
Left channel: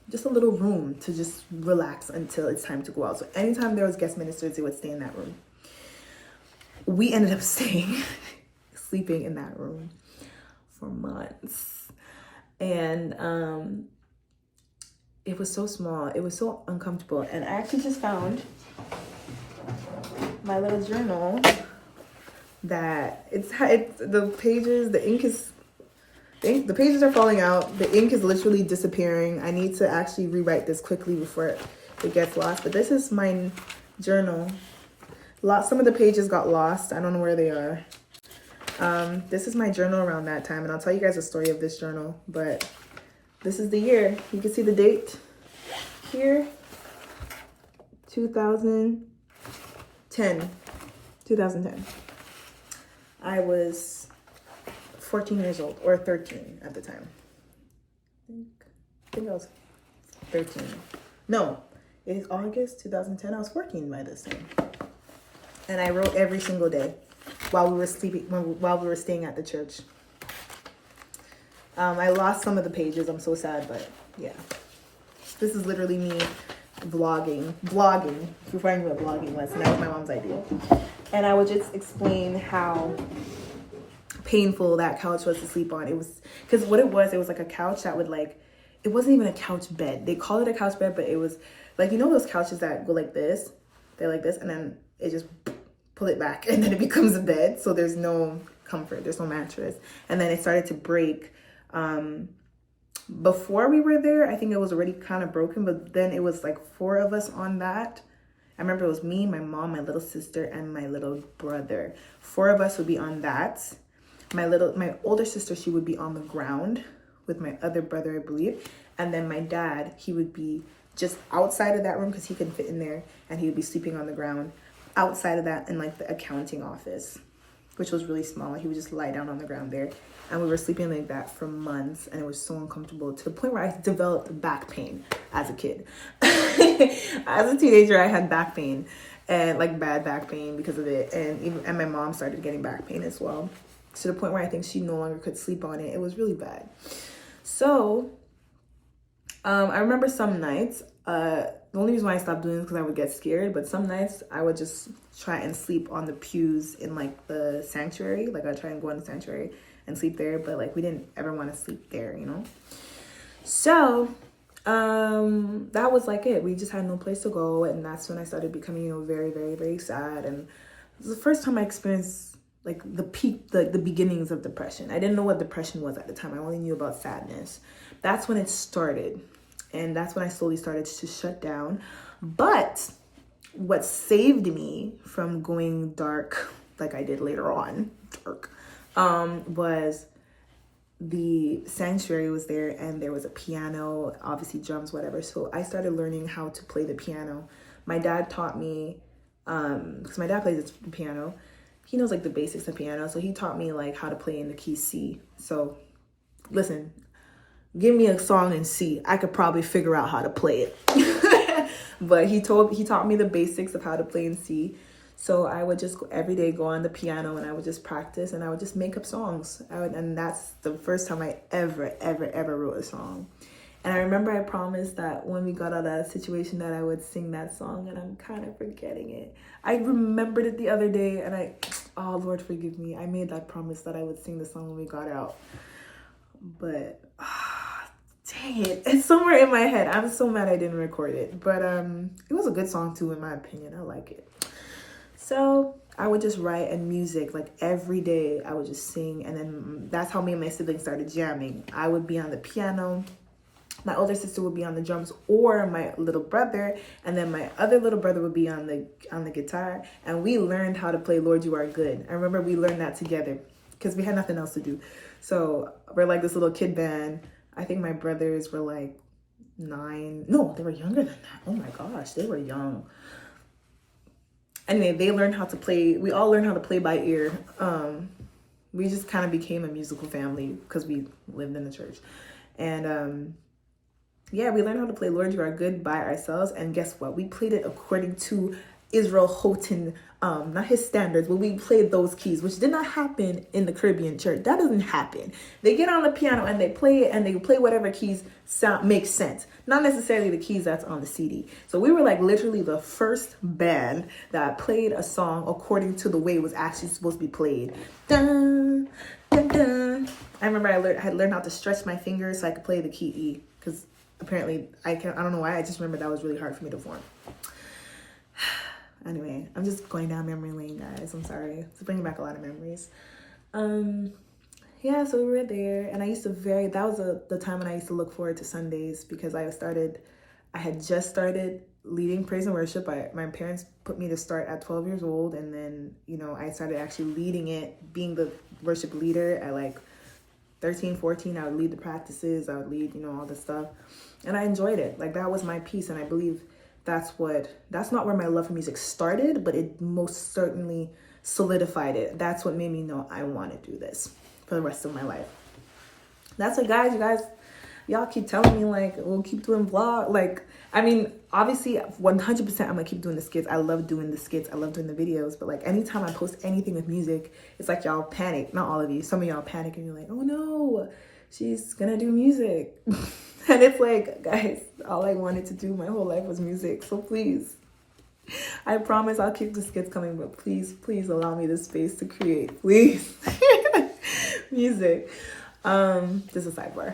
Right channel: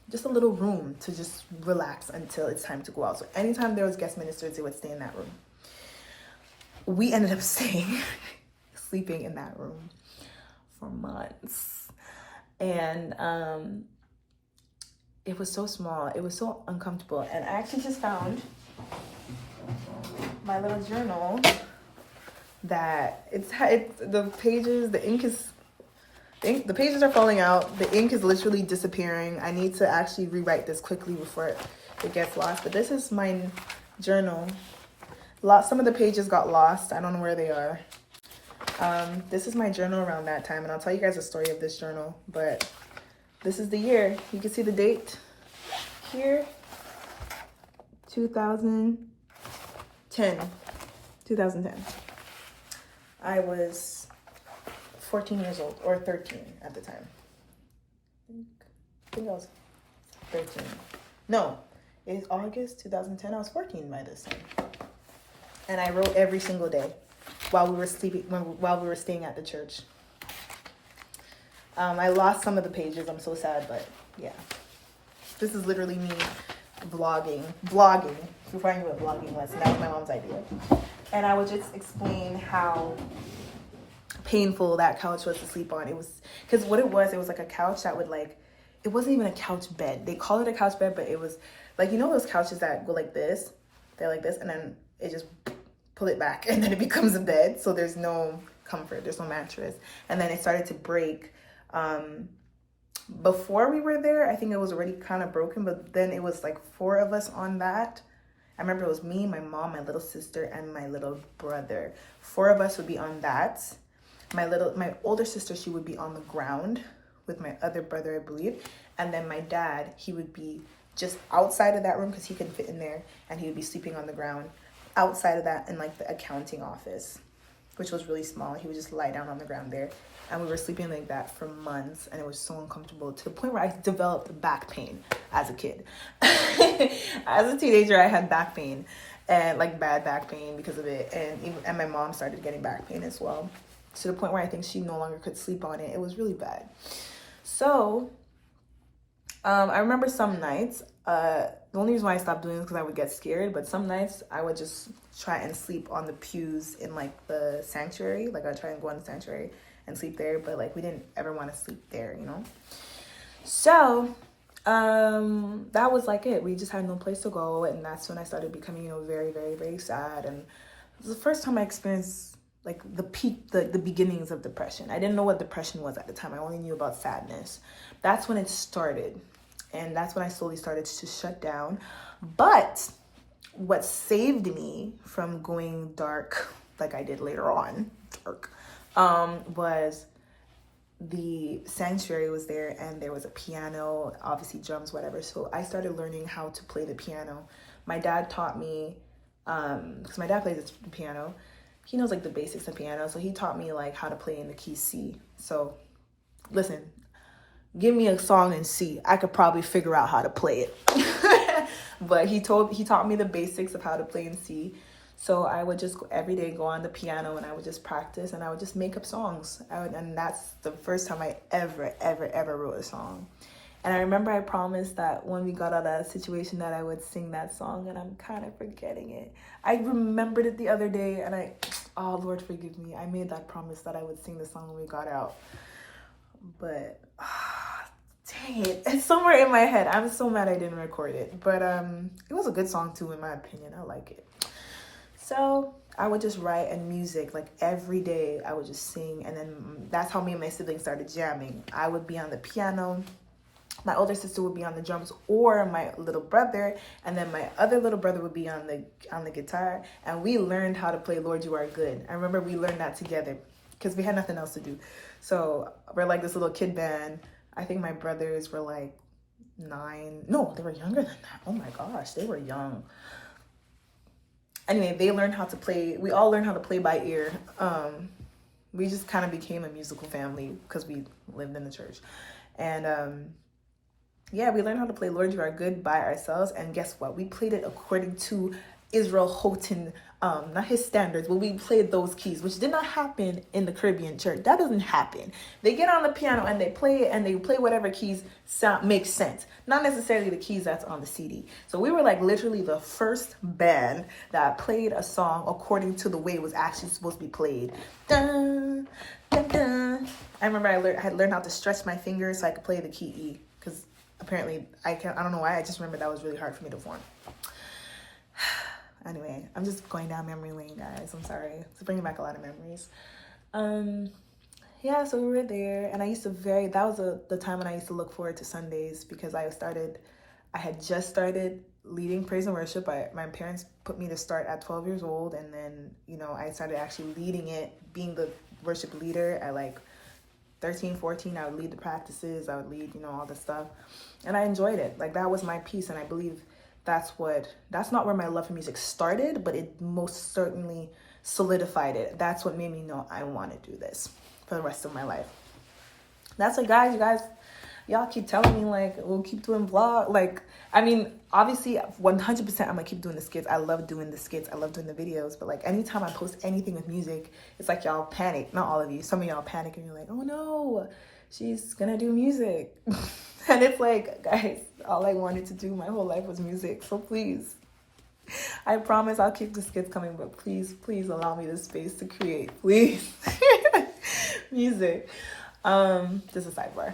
just a little room to just relax until it's time to go out. So anytime there was guest ministers, they would stay in that room. we ended up sleeping in that room for months. And it was so small. It was so uncomfortable. And I actually just found my little journal that it's the pages, the ink is, the pages are falling out. The ink is literally disappearing. I need to actually rewrite this quickly before it gets lost. But this is my journal. Some of the pages got lost. I don't know where they are. This is my journal around that time, and I'll tell you guys a story of this journal. But this is the year. You can see the date here. 2010. I was 14 years old, or 13 at the time. I think I was 13. No, it's August 2010. I was 14 by this time. And I wrote every single day while we were staying at the church. I lost some of the pages. I'm so sad, but yeah. This is literally me vlogging before I knew what vlogging was. And that was my mom's idea. And I would just explain how painful that couch was to sleep on. It was, because what it was like a couch that would like, it wasn't even a couch bed. They call it a couch bed, but it was like, you know those couches that go like this? They're like this, and then it just pull it back, and then it becomes a bed. So there's no comfort, there's no mattress. And then it started to break. Before we were there, I think it was already kind of broken, but then it was like 4 of us on that. I remember it was me, my mom, my little sister, and my little brother. 4 of us would be on that. My older sister, she would be on the ground with my other brother, I believe. And then my dad, he would be just outside of that room because he couldn't fit in there, and he would be sleeping on the ground outside of that in like the accounting office, which was really small. He would just lie down on the ground there. And we were sleeping like that for months, and it was so uncomfortable to the point where I developed back pain as a kid. As a teenager, I had back pain, and like bad back pain because of it. And my mom started getting back pain as well, to the point where I think she no longer could sleep on it. It was really bad. So I remember some nights, the only reason why I stopped doing it is because I would get scared, but some nights I would just try and sleep on the pews in like the sanctuary. Like I'd try and go in the sanctuary and sleep there, but like we didn't ever want to sleep there, you know? So that was like it. We just had no place to go, and that's when I started becoming, you know, very, very, very sad. And it was the first time I experienced like the peak, the beginnings of depression. I didn't know what depression was at the time. I only knew about sadness. That's when it started, and that's when I slowly started to shut down. But what saved me from going dark, like I did later on, was the sanctuary was there, and there was a piano, obviously drums, whatever. So I started learning how to play the piano. My dad taught me, because my dad plays the piano. He knows like the basics of piano. So he taught me like how to play in the key C. So listen, give me a song in C, I could probably figure out how to play it. But he taught me the basics of how to play in C. So I would just every day go on the piano, and I would just practice, and I would just make up songs. And that's the first time I ever wrote a song. And I remember I promised that when we got out of that situation that I would sing that song, and I'm kind of forgetting it. I remembered it the other day, and oh Lord, forgive me. I made that promise that I would sing the song when we got out. But dang it, it's somewhere in my head. I'm so mad I didn't record it. But it was a good song too, in my opinion. I like it. So I would just write, and music, like every day I would just sing. And then that's how me and my siblings started jamming. I would be on the piano, my older sister would be on the drums, or my little brother, and then my other little brother would be on the guitar. And we learned how to play Lord You Are Good. I remember we learned that together because we had nothing else to do. So we're like this little kid band. I think my brothers were like 9. No, they were younger than that. Oh my gosh, they were young. Anyway, they learned how to play. We all learned how to play by ear. We just kind of became a musical family because we lived in the church. And yeah, we learned how to play Lord You Are Good by ourselves. And guess what? We played it according to Israel Houghton, not his standards, but we played those keys, which did not happen in the Caribbean church. That doesn't happen. They get on the piano and they play it, and they play whatever keys sound makes sense, not necessarily the keys that's on the CD. So we were like literally the first band that played a song according to the way it was actually supposed to be played. Dun, dun, dun. I remember I had learned how to stretch my fingers so I could play the key E, because apparently I don't know why, I just remember that was really hard for me to form. Anyway, I'm just going down memory lane, guys. I'm sorry. It's bringing back a lot of memories. Yeah, so we were there, and I used to that was the time when I used to look forward to Sundays, because I had just started leading praise and worship. My parents put me to start at 12 years old, and then, I started actually leading it, being the worship leader at like 13, 14. I would lead the practices. I would lead, all this stuff, and I enjoyed it. Like, that was my piece, and I believe that's not where my love for music started, but it most certainly solidified it. That's what made me know I want to do this for the rest of my life. That's what, guys, y'all keep telling me, like, we'll keep doing vlog. Like, I mean, obviously 100% I'm gonna keep doing the skits. I love doing the skits. I love doing the videos. But like, anytime I post anything with music, it's like y'all panic. Not all of you. Some of y'all panic and you're like, oh no, she's gonna do music. And it's like, guys, all I wanted to do my whole life was music. So please, I promise I'll keep the skits coming, but please allow me the space to create, please. Music. Just a sidebar.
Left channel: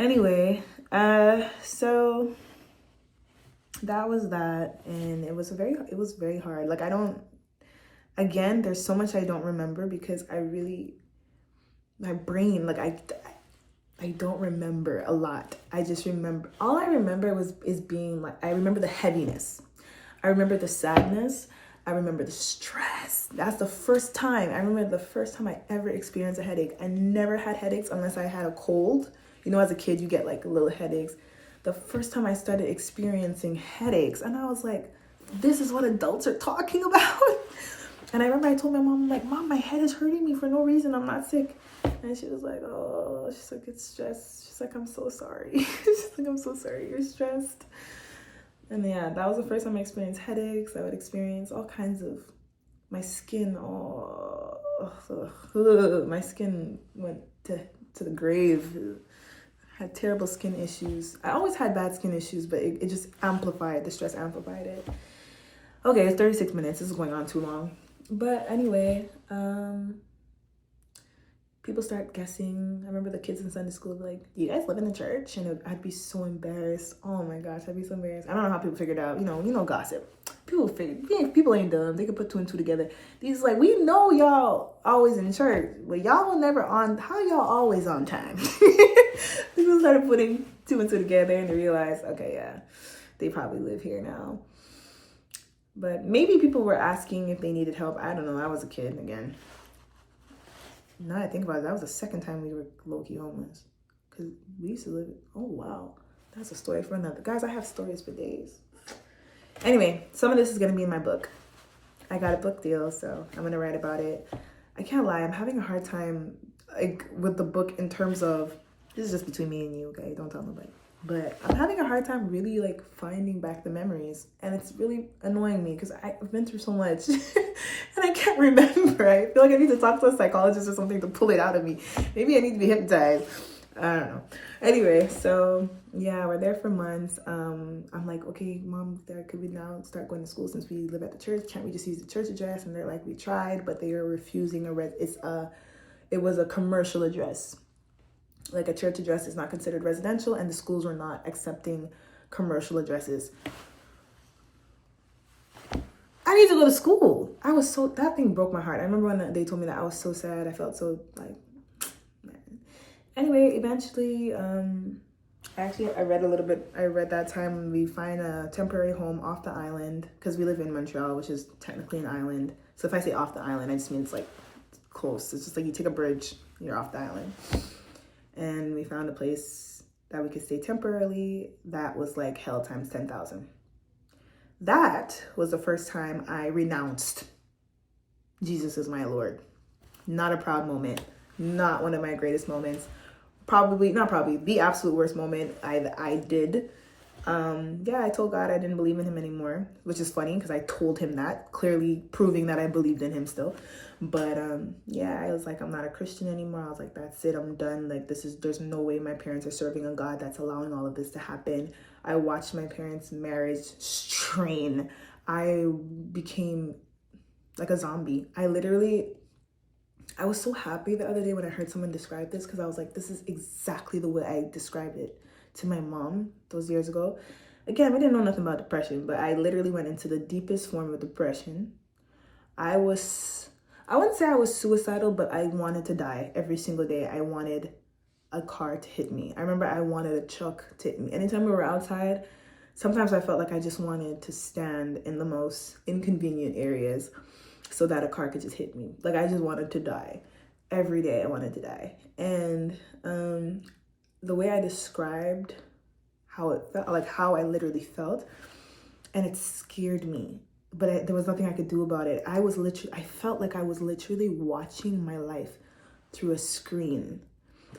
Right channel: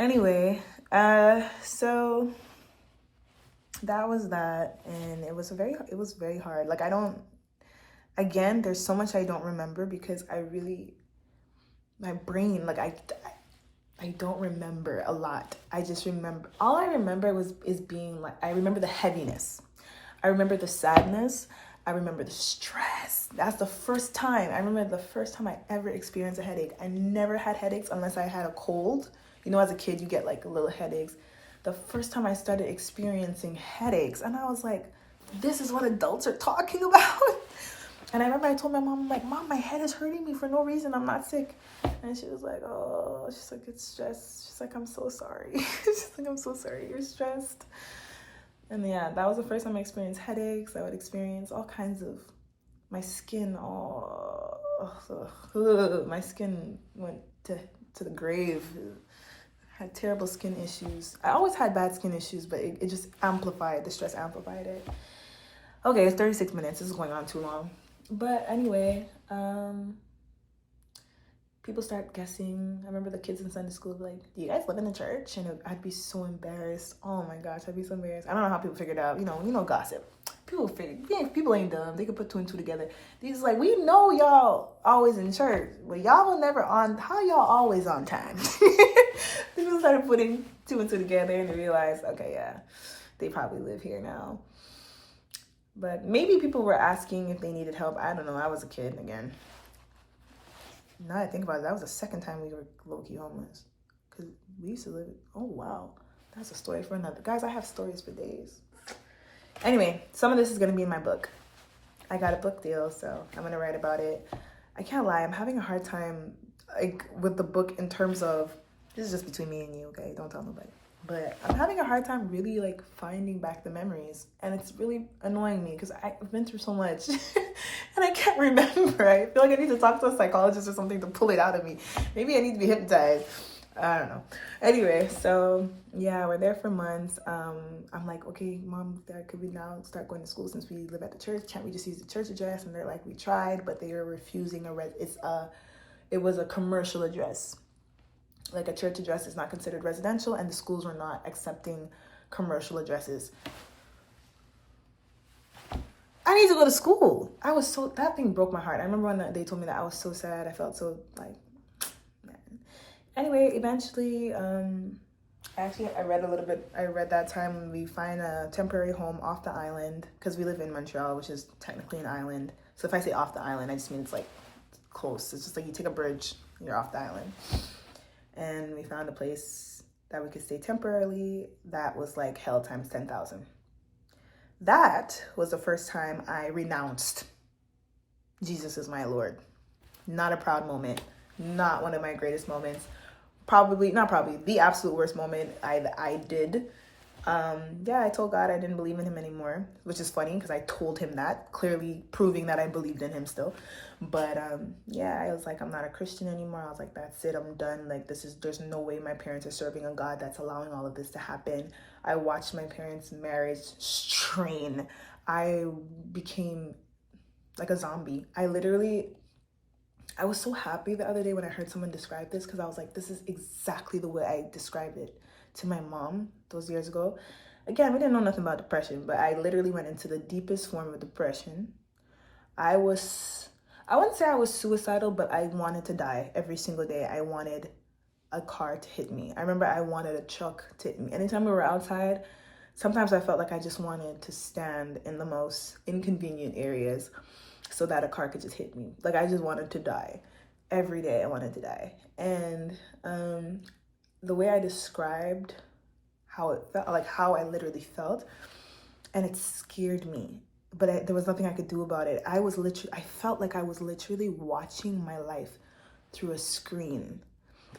Anyway, so that was that, and it was very hard. Like, again, there's so much I don't remember, because my brain, like, I don't remember a lot. I just remember, all I remember is being like, I remember the heaviness. I remember the sadness. I remember the stress. That's the first time. I remember the first time I ever experienced a headache. I never had headaches unless I had a cold. As a kid, you get like little headaches. The first time I started experiencing headaches, and I was like, this is what adults are talking about. And I remember I told my mom, I'm like, Mom, my head is hurting me for no reason. I'm not sick. And she was like, oh, she's like, it's stress. She's like, I'm so sorry. She's like, I'm so sorry you're stressed. And yeah, that was the first time I experienced headaches. I would experience all kinds of, my skin, my skin went to the grave. I had terrible skin issues. I always had bad skin issues, but it just amplified, the stress amplified it. Okay, it's 36 minutes. This is going on too long. But anyway, people start guessing. I remember the kids in Sunday school would be like, do you guys live in a church? And I'd be so embarrassed. Oh my gosh, I'd be so embarrassed. I don't know how people figured out, gossip. People ain't dumb. They could put two and two together. These like, we know y'all always in church, but y'all were never on. How y'all always on time? People started putting two and two together, and they realized, okay, yeah, they probably live here now. But maybe people were asking if they needed help. I don't know. I was a kid again. Now that I think about it, that was the second time we were low-key homeless. Because we used to live... Oh, wow. That's a story for another. Guys, I have stories for days. Anyway, some of this is going to be in my book. I got a book deal, so I'm going to write about it. I can't lie. I'm having a hard time with the book in terms of... This is just between me and you, okay? Don't tell nobody. But I'm having a hard time really finding back the memories, and it's really annoying me because I've been through so much and I can't remember. I feel like I need to talk to a psychologist or something to pull it out of me. Maybe I need to be hypnotized. I don't know. Anyway, so yeah, we're there for months. I'm like, okay, Mom, Dad, could we now start going to school since we live at the church? Can't we just use the church address? And they're like, we tried, but they are refusing it was a commercial address. Like, a church address is not considered residential, and the schools were not accepting commercial addresses. I need to go to school. That thing broke my heart. I remember when they told me that, I was so sad. I felt so man. Anyway, eventually, I read a little bit. I read that time when we find a temporary home off the island, because we live in Montreal, which is technically an island. So if I say off the island, I just mean it's close. It's just like you take a bridge, you're off the island. And we found a place that we could stay temporarily that was hell times 10,000. That was the first time I renounced Jesus is my Lord. Not a proud moment. Not one of my greatest moments. The absolute worst moment I did. Yeah, I told God I didn't believe in him anymore, which is funny because I told him that, clearly proving that I believed in him still. But yeah, I was like, I'm not a Christian anymore. I was like, that's it, I'm done. Like, there's no way my parents are serving a God that's allowing all of this to happen. I watched my parents' marriage strain. I became like a zombie. I was so happy the other day when I heard someone describe this, because I was like, this is exactly the way I described it to my mom those years ago. Again, we didn't know nothing about depression, but I literally went into the deepest form of depression. I wouldn't say I was suicidal, but I wanted to die every single day. I wanted a car to hit me. I remember I wanted a truck to hit me. Anytime we were outside, sometimes I felt like I just wanted to stand in the most inconvenient areas so that a car could just hit me. Like, I just wanted to die. Every day I wanted to die. And the way I described how it felt, like how I literally felt, and it scared me. But there was nothing I could do about it. I felt like I was literally watching my life through a screen.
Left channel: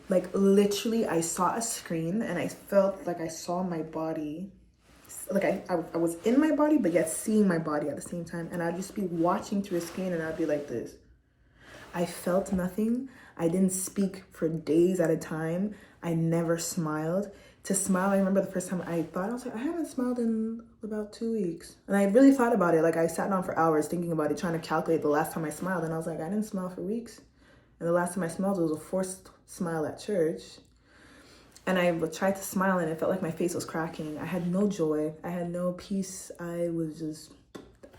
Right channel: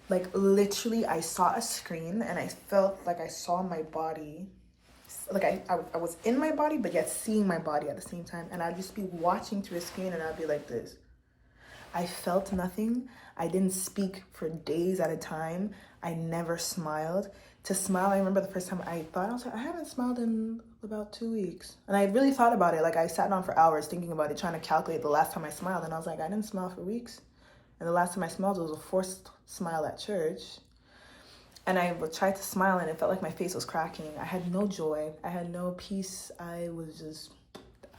Like, literally, I saw a screen and I felt like I saw my body. Like, I was in my body, but yet seeing my body at the same time. And I'd just be watching through a screen and I'd be like this. I felt nothing. I didn't speak for days at a time. I never smiled. To smile, I remember the first time I was like, I haven't smiled in about 2 weeks. And I really thought about it. Like, I sat down for hours thinking about it, trying to calculate the last time I smiled. And I was like, I didn't smile for weeks. And the last time I smiled was a forced smile at church. And I tried to smile and it felt like my face was cracking. I had no joy. I had no peace. I was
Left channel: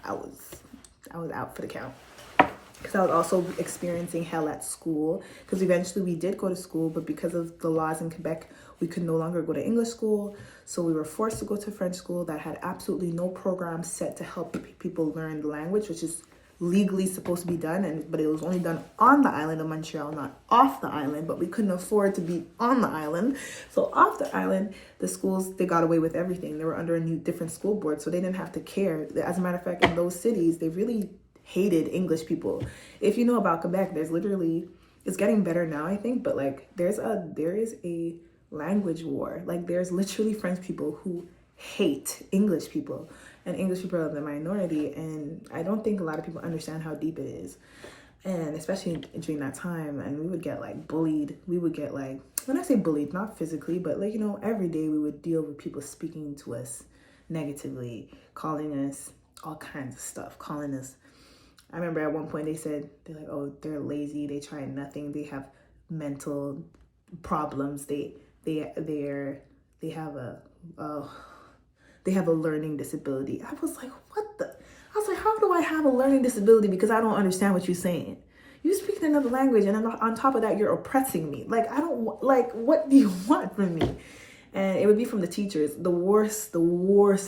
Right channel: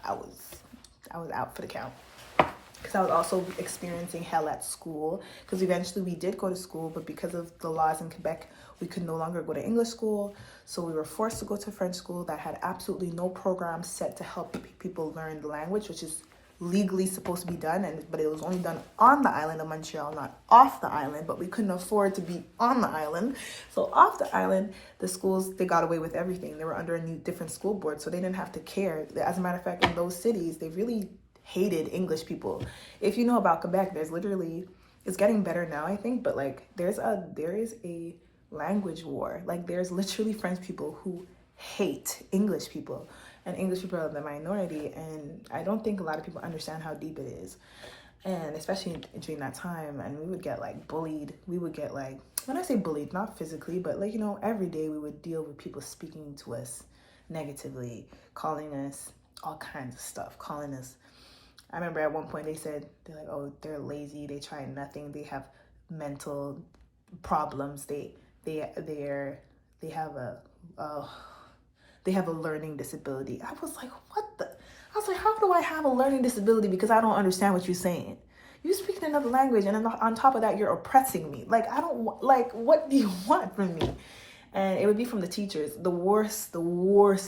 out for the count. Because I was also experiencing hell at school. Because eventually we did go to school, but because of the laws in Quebec, we could no longer go to English school. So we were forced to go to French school that had absolutely no program set to help people learn the language, which is legally supposed to be done, but it was only done on the island of Montreal, not off the island. But we couldn't afford to be on the island, so off the island, the schools, they got away with everything. They were under a different school board, so they didn't have to care. As a matter of fact, in those cities, they really hated English people. If you know about Quebec, there's literally, it's getting better now, I think, but like there is a language war. Like, there's literally French people who hate English people, and English people are the minority. And I don't think a lot of people understand how deep it is. And especially during that time, and we would get like bullied. We would get like, when I say bullied, not physically, but like, every day we would deal with people speaking to us negatively, calling us all kinds of stuff, I remember at one point they're like, oh, they're lazy, they try nothing, they have mental problems, they have a learning disability. I was like, how do I have a learning disability? Because I don't understand what you're saying. You speak another language, and on top of that, you're oppressing me. Like, I don't, like, what do you want from me? And it would be from the teachers. The worst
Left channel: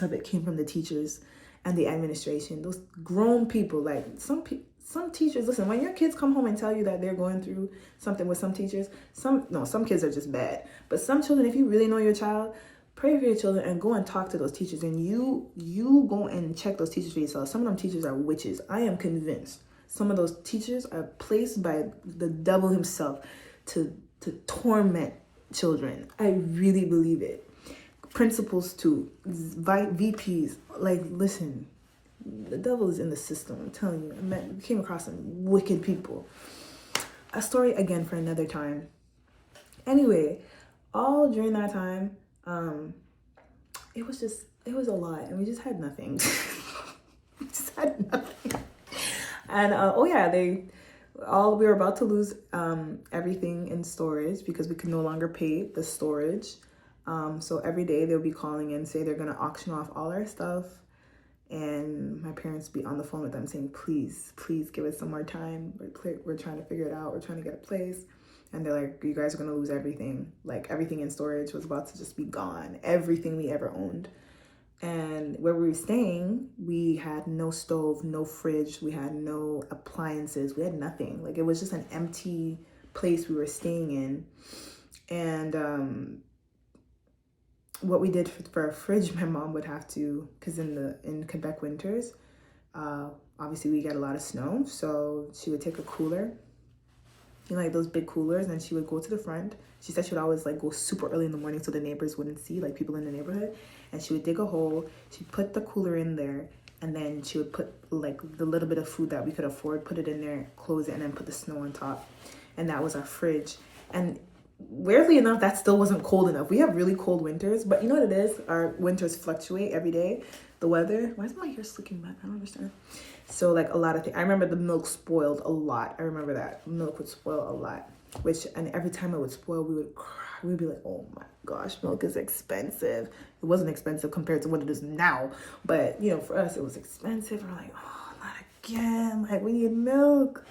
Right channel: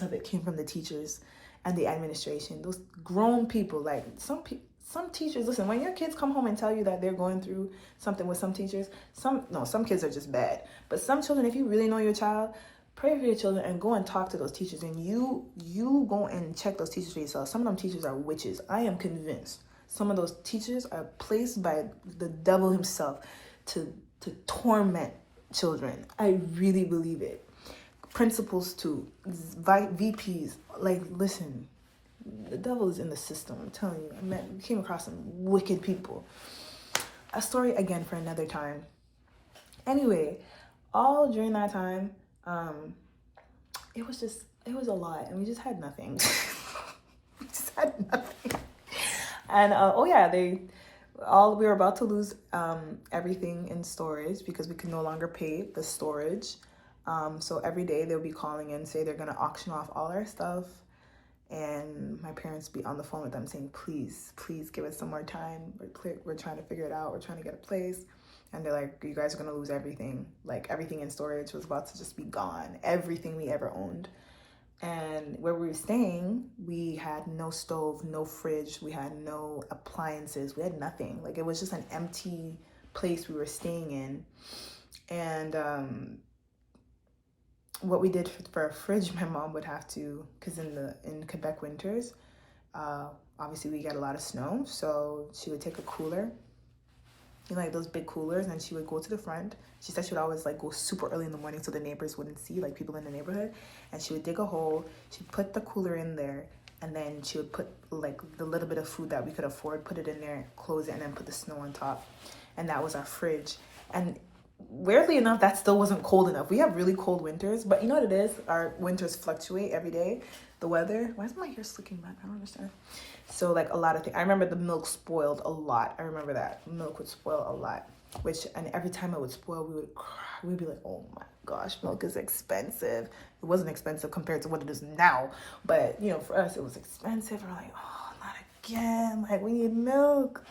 of it came from the teachers and the administration. Those grown people, like some teachers, listen, when your kids come home and tell you that they're going through something with some teachers, some kids are just bad. But some children, if you really know your child, pray for your children and go and talk to those teachers, and you go and check those teachers for yourself. Some of them teachers are witches. I am convinced some of those teachers are placed by the devil himself to torment children. I really believe it. Principals too, VPs, like, listen, the devil is in the system. I'm telling you, we came across some wicked people. A story again for another time. Anyway, all during that time, it was a lot, and we just had nothing. And we were about to lose everything in storage because we could no longer pay the storage. So every day they'll be calling in, say they're gonna auction off all our stuff, and my parents be on the phone with them saying, please give us some more time. We're trying to figure it out. We're trying to get a place. And they're like, you guys are gonna lose everything. Like, everything in storage was about to just be gone. Everything we ever owned. And where we were staying, we had no stove, no fridge, we had no appliances, we had nothing. Like, it was just an empty place we were staying in. And what we did for a fridge, my mom would have to, because in Quebec winters, obviously we get a lot of snow, so she would take a cooler, like those big coolers, and she would go to the front. She said she would always like go super early in the morning so the neighbors wouldn't see, like people in the neighborhood, and she would dig a hole. She'd put the cooler in there, and then she would put like the little bit of food that we could afford, put it in there, close it, and then put the snow on top. And that was our fridge. And weirdly enough, that still wasn't cold enough. We have really cold winters, but you know what it is? Our winters fluctuate every day. The weather. Why is my hair slicking back? I don't understand. So like a lot of things. I remember the milk spoiled a lot. I remember that milk would spoil a lot. And every time it would spoil, we would cry. We'd be like, oh my gosh, milk is expensive. It wasn't expensive compared to what it is now, but you know, for us it was expensive. We're like, oh, not again. Like, we need milk.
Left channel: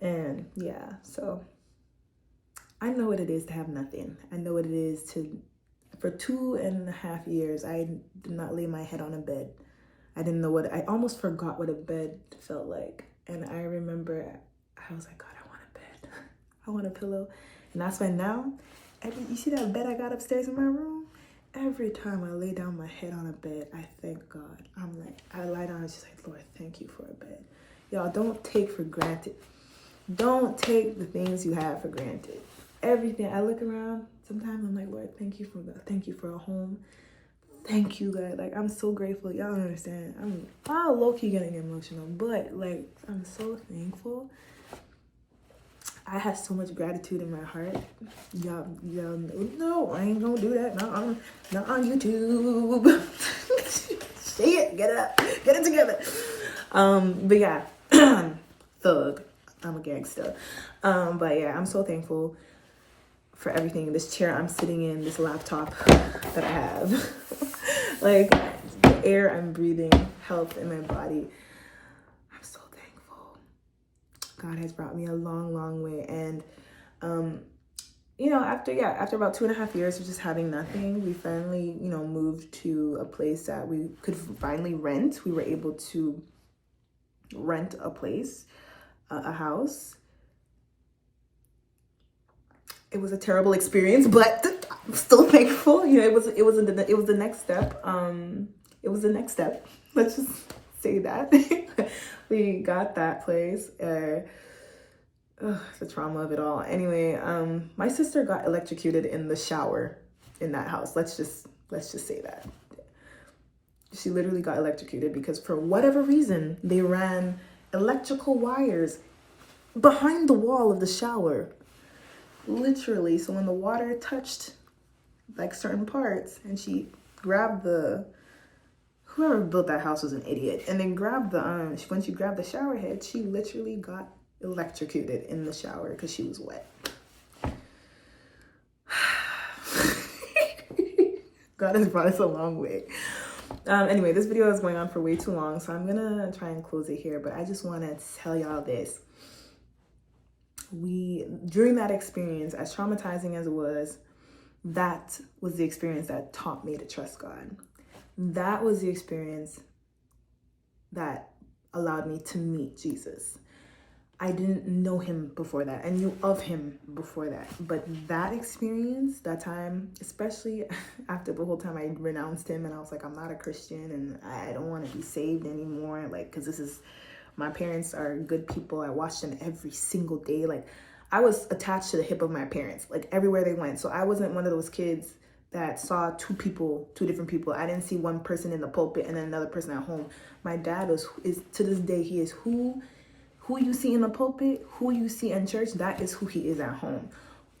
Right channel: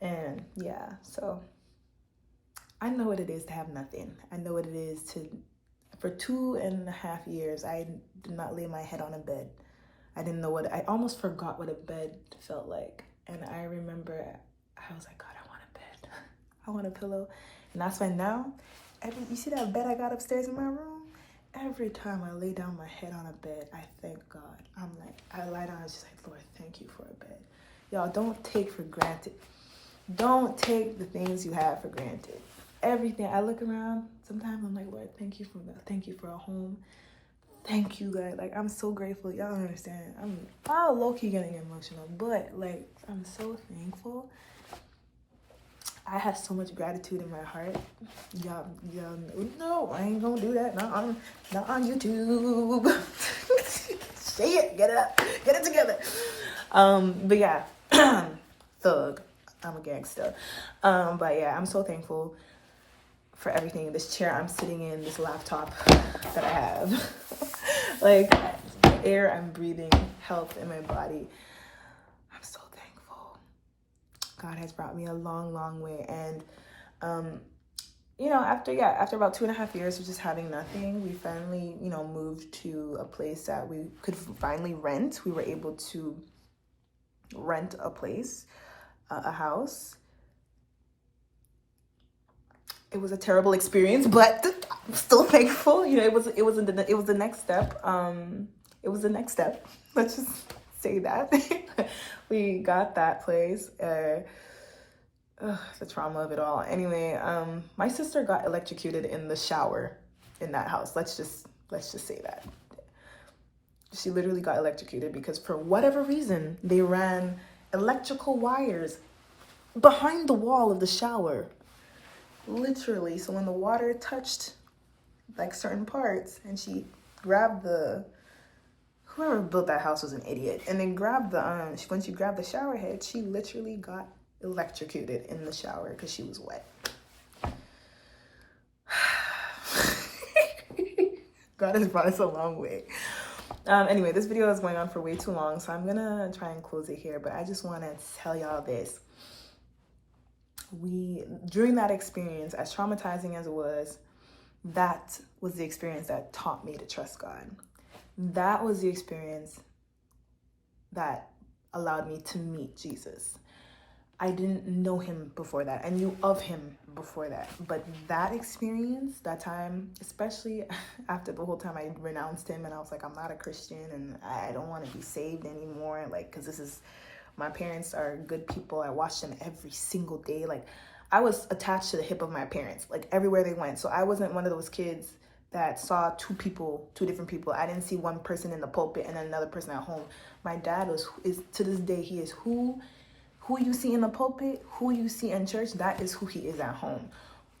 And yeah, so I know what it is to have nothing. I know what it is for 2.5 years, I did not lay my head on a bed. I didn't know I almost forgot what a bed felt like. And I remember I was like, God, I want a bed. I want a pillow. And that's why now, you see that bed I got upstairs in my room? Every time I lay down my head on a bed, I thank God. I'm like, I lie down and just like, Lord, thank you for a bed. Y'all, don't take for granted. Don't take the things you have for granted. Everything. I look around, sometimes I'm like, Lord, thank you for a home. Thank you, God. Like, I'm so grateful. Y'all don't understand. I'm low-key getting emotional, but like, I'm so thankful. I have so much gratitude in my heart. Y'all no, I ain't gonna do that. Not on YouTube. Say it. Get it up. Get it together. But yeah, thug. I'm a gangster. But yeah, I'm so thankful for everything. This chair I'm sitting in, this laptop that I have, like the air I'm breathing, health in my body. I'm so thankful. God has brought me a long, long way. And, you know, after about 2.5 years of just having nothing, we finally, you know, moved to a place that we could finally rent. We were able to rent a place, a house. It was a terrible experience, but I'm still thankful. You know, it was the next step. It was the next step. Let's just say that. We got that place. The trauma of it all. Anyway, my sister got electrocuted in the shower in that house. Let's just say that. She literally got electrocuted because for whatever reason, they ran electrical wires behind the wall of the shower. Literally. So when the water touched like certain parts and she grabbed whoever built that house was an idiot, and then grabbed when she grabbed the shower head, she literally got electrocuted in the shower because she was wet. God has brought us a long way. Anyway, this video is going on for way too long, so I'm gonna try and close it here, but I just want to tell y'all this. During that experience, as traumatizing as it was, that was the experience that taught me to trust God. That was the experience that allowed me to meet Jesus. I didn't know him before that. I knew of him before that. But that experience, that time, especially after the whole time I renounced him and I was like, I'm not a Christian and I don't want to be saved anymore. Like, because my parents are good people. I watched them every single day. Like, I was attached to the hip of my parents, like everywhere they went. So I wasn't one of those kids that saw two different people. I didn't see one person in the pulpit and then another person at home. My dad is to this day, he is who you see in the pulpit, who you see in church, that is who he is at home.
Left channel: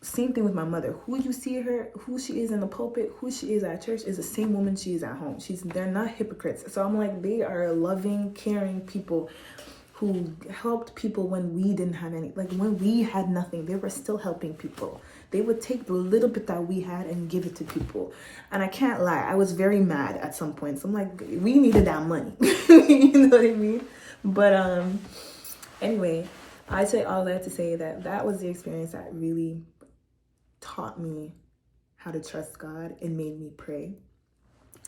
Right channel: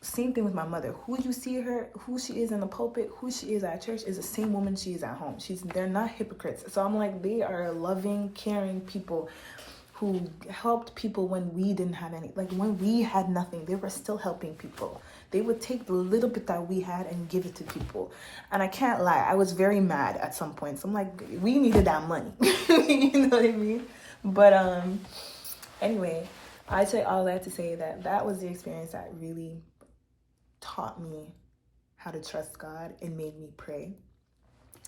Same thing with my mother. Who she is in the pulpit, who she is at church is the same woman she is at home. They're not hypocrites. So I'm like, they are loving, caring people who helped people when we didn't have any. Like, when we had nothing, they were still helping people. They would take the little bit that we had and give it to people. And I can't lie, I was very mad at some points. I'm like, we needed that money. You know what I mean? But anyway, I say all that to say that was the experience that really taught me how to trust God and made me pray.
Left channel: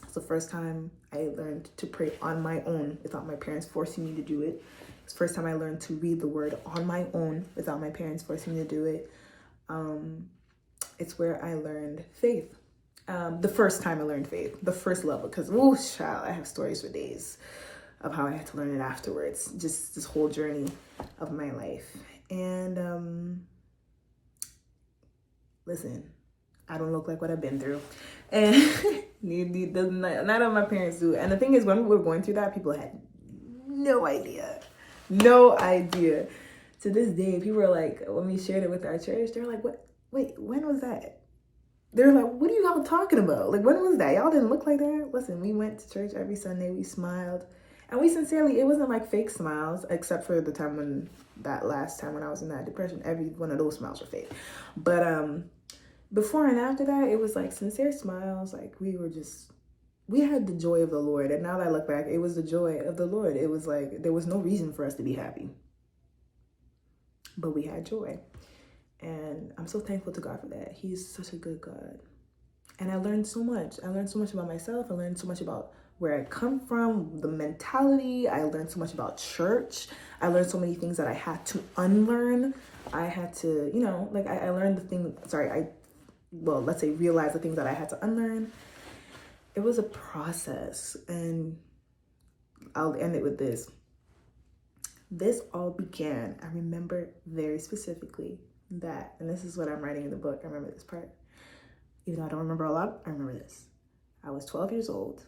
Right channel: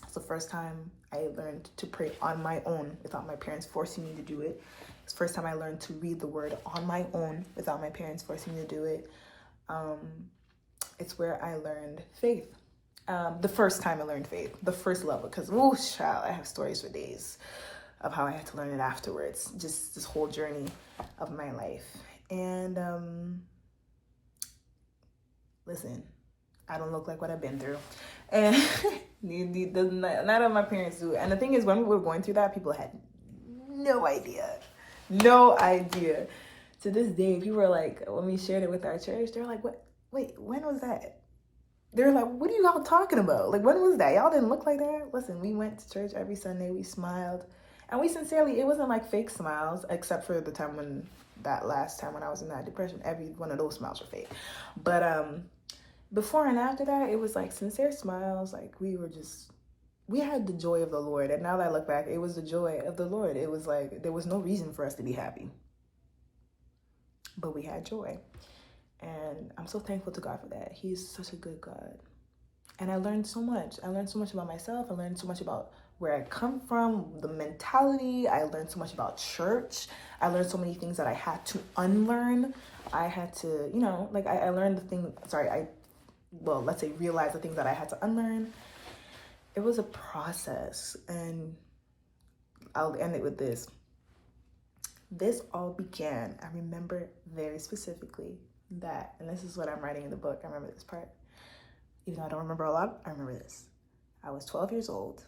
It's the first time I learned to pray on my own without my parents forcing me to do it. It's the first time I learned to read the word on my own without my parents forcing me to do it. It's where I learned faith. The first time I learned faith, the first level, because, oh, child, I have stories for days of how I had to learn it afterwards. Just this whole journey of my life. And listen, I don't look like what I've been through. And none of my parents do. And the thing is, when we were going through that, people had no idea. No idea. To this day, people are like, when we shared it with our church, they're like, "What? Wait, when was that?" They're like, "What are you all talking about? Like, when was that? Y'all didn't look like that." Listen, we went to church every Sunday. We smiled. And we sincerely, it wasn't like fake smiles, except for the time when, that last time when I was in that depression, every one of those smiles were fake. But before and after that, it was like sincere smiles. Like we had the joy of the Lord. And now that I look back, it was the joy of the Lord. It was like, there was no reason for us to be happy, but we had joy. And I'm so thankful to God for that. He's such a good God. And I learned so much. I learned so much about myself. I learned so much about where I come from, the mentality. I learned so much about church. I learned so many things that I had to unlearn. I had to, like I learned let's say realize the things that I had to unlearn. It was a process, and I'll end it with this. This all began, I remember very specifically that, and this is what I'm writing in the book. I remember this part. Even though I don't remember a lot, I remember this. I was 12 years old,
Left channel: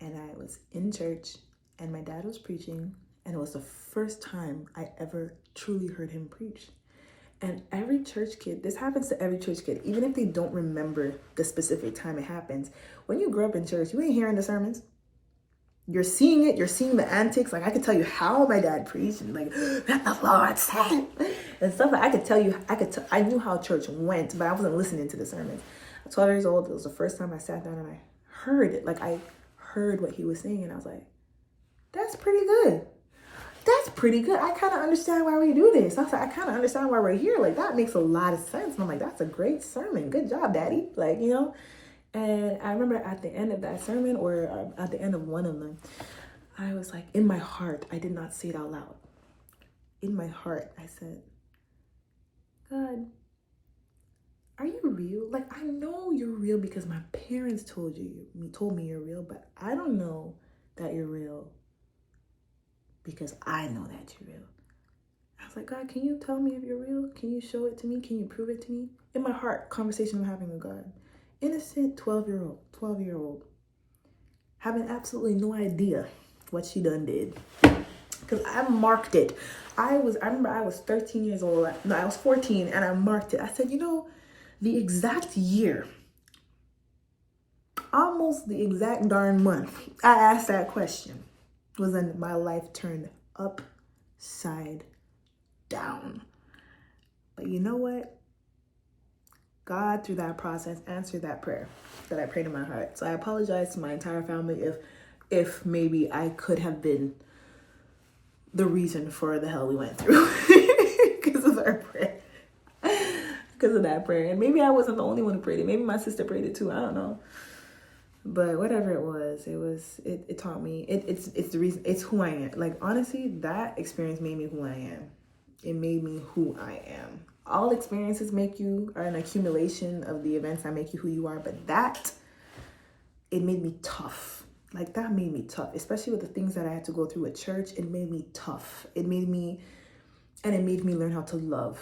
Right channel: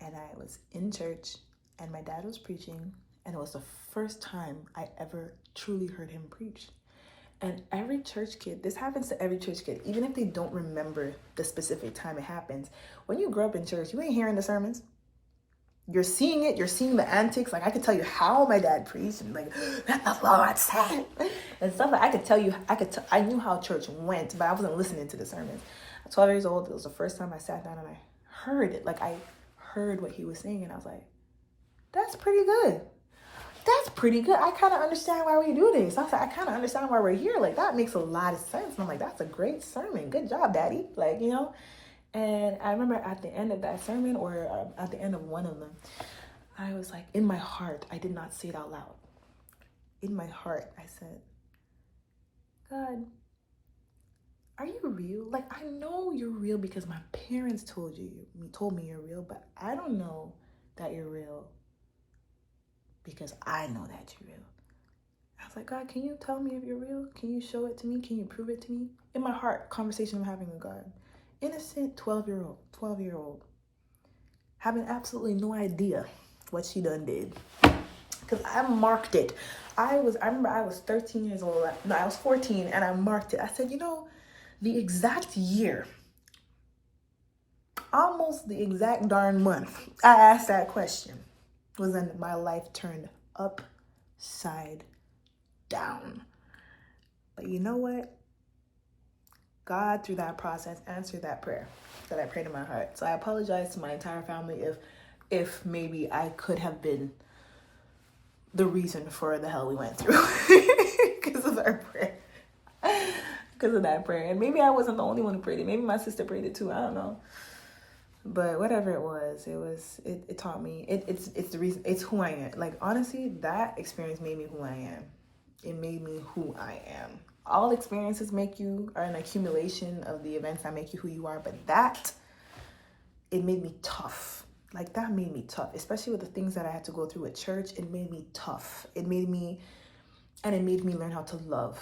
and I was in church, and my dad was preaching, and it was the first time I ever truly heard him preach. And every church kid, this happens to every church kid, even if they don't remember the specific time it happens. When you grow up in church, you ain't hearing the sermons. You're seeing it. You're seeing the antics. Like, I could tell you how my dad preached, and like, "Let the Lord said," and stuff. Like, I could tell you, I knew how church went, but I wasn't listening to the sermons. At 12 years old, it was the first time I sat down and I heard it. Like, I heard what he was saying, and I was like, that's pretty good. That's pretty good. I kind of understand why we do this. I was like, I kind of understand why we're here. Like, that makes a lot of sense. And I'm like, that's a great sermon. Good job, Daddy. Like, And I remember at the end of that sermon, or at the end of one of them, I was like, in my heart, I did not say it out loud. In my heart, I said, "God, are you real? Like, I know you're real because my parents told me you're real, but I don't know that you're real because I know that you're real." I was like, "God, can you tell me if you're real? Can you show it to me? Can you prove it to me?" In my heart, conversation I'm having with God. Innocent 12-year-old, having absolutely no idea what she done did. Because I marked it. I remember I was 13 years old. No, I was 14, and I marked it. I said, the exact year, almost the exact darn month I asked that question was when my life turned upside down. But you know what? God, through that process, answered that prayer that I prayed in my heart. So I apologize to my entire family if maybe I could have been the reason for the hell we went through because of our prayer. Because of that prayer. And maybe I wasn't the only one who prayed it. Maybe my sister prayed it too. I don't know. But whatever it was, it taught me. It's the reason. It's who I am. Like, honestly, that experience made me who I am. It made me who I am. All experiences are an accumulation of the events that make you who you are. But it made me tough. Like, that made me tough. Especially with the things that I had to go through at church. It made me tough. It made me learn how to love.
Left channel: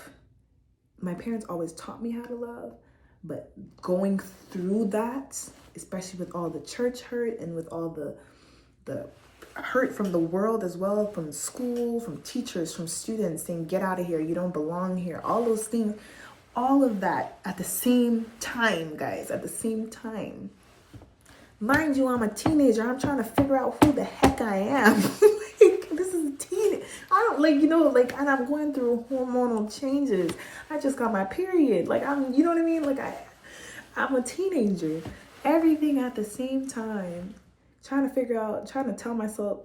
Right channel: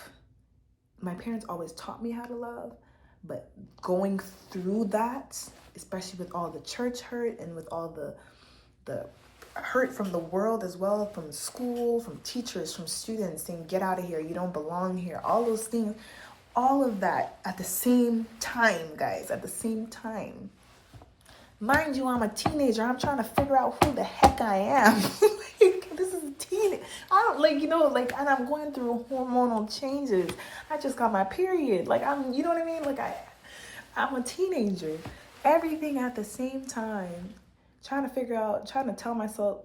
My parents always taught me how to love. But going through that, especially with all the church hurt and with all the hurt from the world as well, from school, from teachers, from students saying, "Get out of here, you don't belong here," all those things, all of that at the same time, guys, at the same time. Mind you, I'm a teenager. I'm trying to figure out who the heck I am. This is a teen. I don't and I'm going through hormonal changes. I just got my period. You know what I mean? I'm a teenager. Everything at the same time. Trying to tell myself,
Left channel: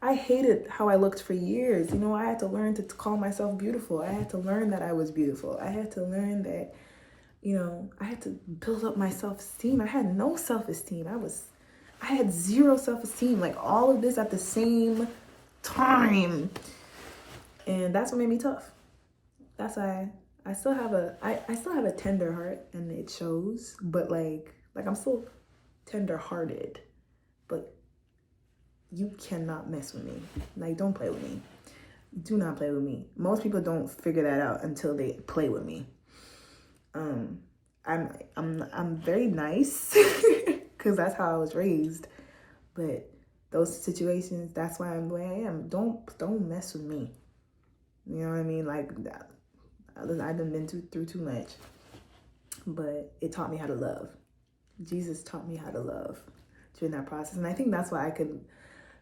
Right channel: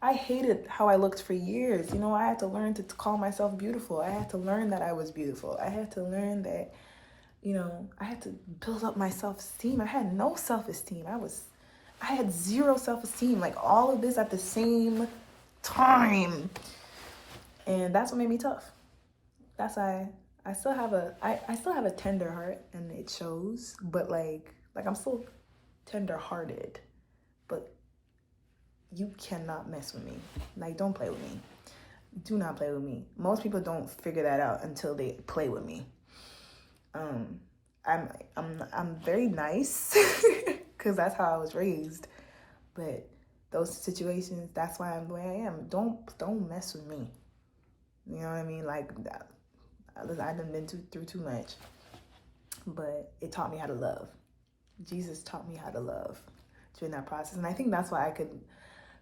I hated how I looked for years. I had to learn to call myself beautiful. I had to learn that I was beautiful. I had to learn that, I had to build up my self-esteem. I had no self-esteem. I had zero self-esteem. All of this at the same time. And that's what made me tough. That's why I still have a tender heart, and it shows, but I'm still tender-hearted. But you cannot mess with me. Don't play with me. Do not play with me. Most people don't figure that out until they play with me. I'm very nice because that's how I was raised. But those situations, that's why I'm the way I am. Don't mess with me. You know what I mean? Like, I've been through too much. But it taught me how to love. Jesus taught me how to love during that process. And I think that's why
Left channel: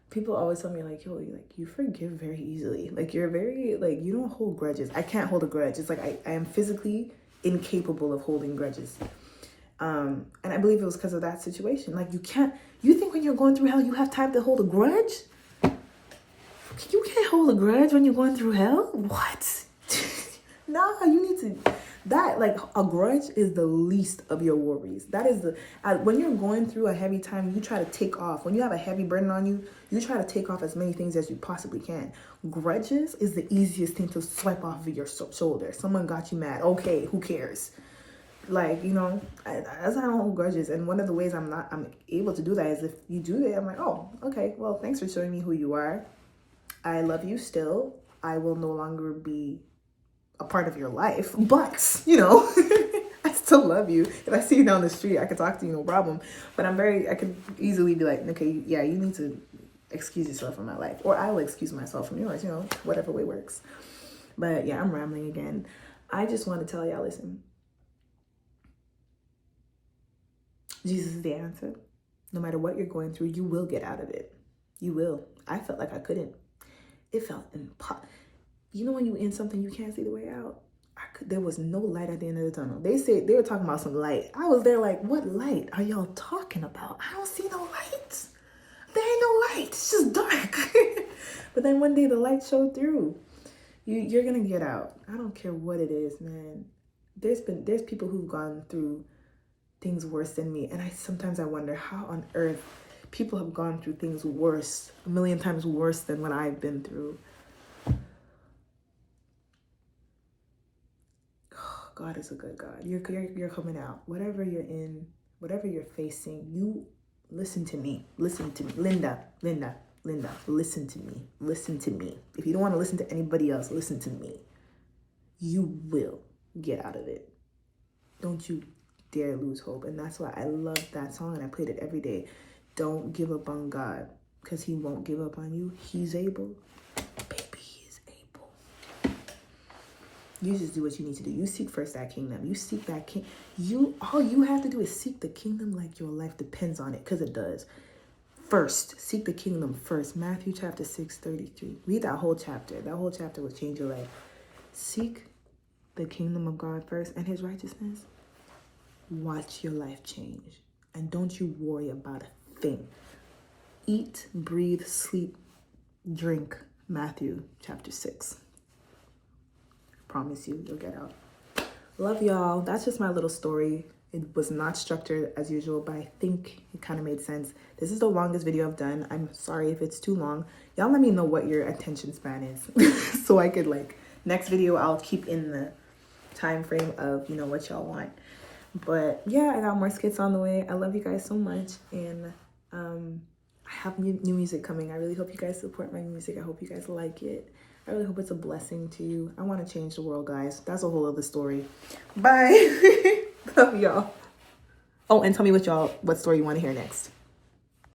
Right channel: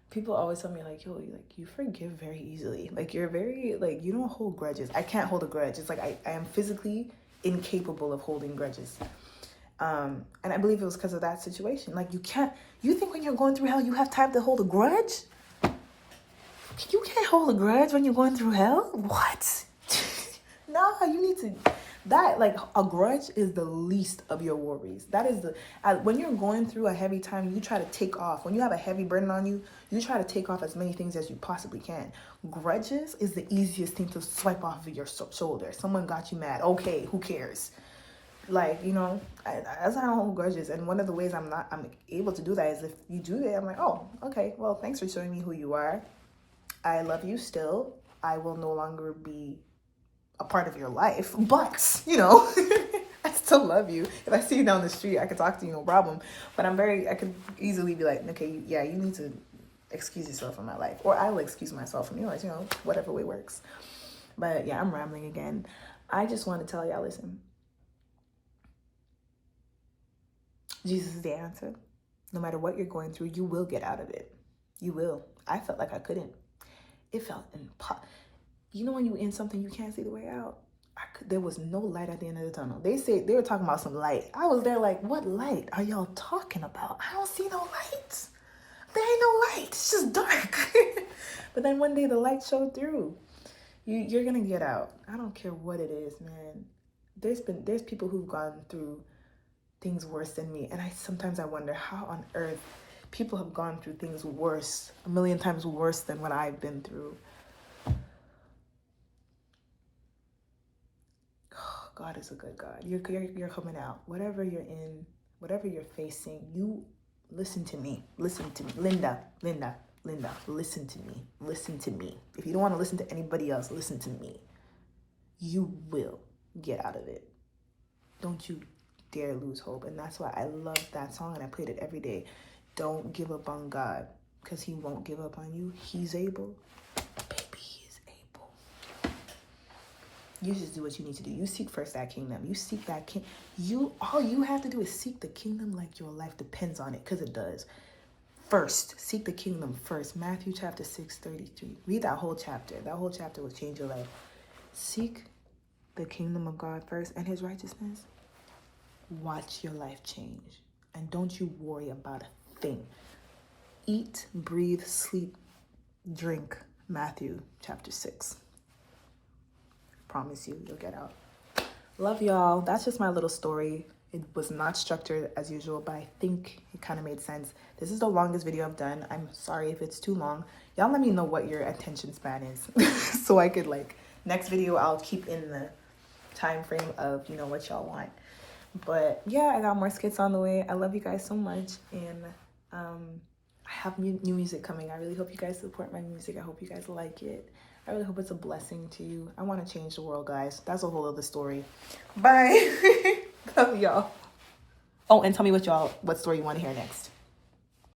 people always tell me, like, yo, like, you forgive very easily. Like, you're very, like, you don't hold grudges. I can't hold a grudge. It's like I am physically incapable of holding grudges. And I believe it was because of that situation. Like, you think when you're going through hell, you have time to hold a grudge? You can't hold a grudge when you're going through hell? What? No, you need to, like, a grudge is the least of your worries. That is when you're going through a heavy time, you try to take off. When you have a heavy burden on you, you try to take off as many things as you possibly can. Grudges is the easiest thing to swipe off of your shoulder. Someone got you mad. Okay, who cares? Like, you know, I don't hold grudges. And one of the ways I'm able to do that is if you do that, I'm like, oh, okay, well, thanks for showing me who you are. I love you still. I will no longer be a part of your life, but, you know, I still love you. If I see you down the street, I can talk to you, no problem. But I could easily be like, okay, yeah, you need to excuse yourself from my life. Or I will excuse myself from yours, you know, whatever way works. But yeah, I'm rambling again. I just want to tell y'all, listen, Jesus is the answer. No matter what you're going through, you will get out of it. You will. I felt like I couldn't. It felt impossible. You know when you in something, you can't see the way out? There was no light at the end of the tunnel. They were talking about some light. I was there like, what light are y'all talking about? I don't see no light. There ain't no light. It's just dark. But then one day the light showed through. You're going to get out. I don't care what it is, man. There's people who've gone through things worse than me. And sometimes I wonder how on earth people have gone through things worse, a million times worse than what I've been through. Oh, God is a good God. You're coming out. Whatever you're in, whatever you're facing, you listen to me. Listen to me. Linda, listen to me. Listen to me. If you don't want to listen to anybody else, listen to me. You will get out of it. Don't you dare lose hope. And that's why I love that song and I played it every day. Don't give up on God, because he won't give up on you. He's able. Baby, he is able. You just do what you need to do. You seek first that kingdom. You seek that king. All you have to do is seek the kingdom like your life depends on it, because it does. First, seek the kingdom first. Matthew chapter 6:33. Read that whole chapter. That whole chapter will change your life. Seek the kingdom of God first and his righteousness. Watch your life change. And don't you worry about a thing. Eat, breathe, sleep, drink. Matthew chapter 6. I promise you'll get out. Love y'all. That's just my little story. It was not structured as usual, but I think it kind of made sense. This is the longest video I've done. I'm sorry if it's too long. Y'all let me know what your attention span is. So I could, like, next video I'll keep in the time frame of, you know, what y'all want. But yeah, I got more skits on the way. I love you guys so much. And I have new music coming. I really hope you guys support my music. I hope you guys like it. I really hope it's a blessing to you. I want to change the world, guys. That's a whole other story. Bye. Love y'all. Oh, and tell me what story you want to hear next.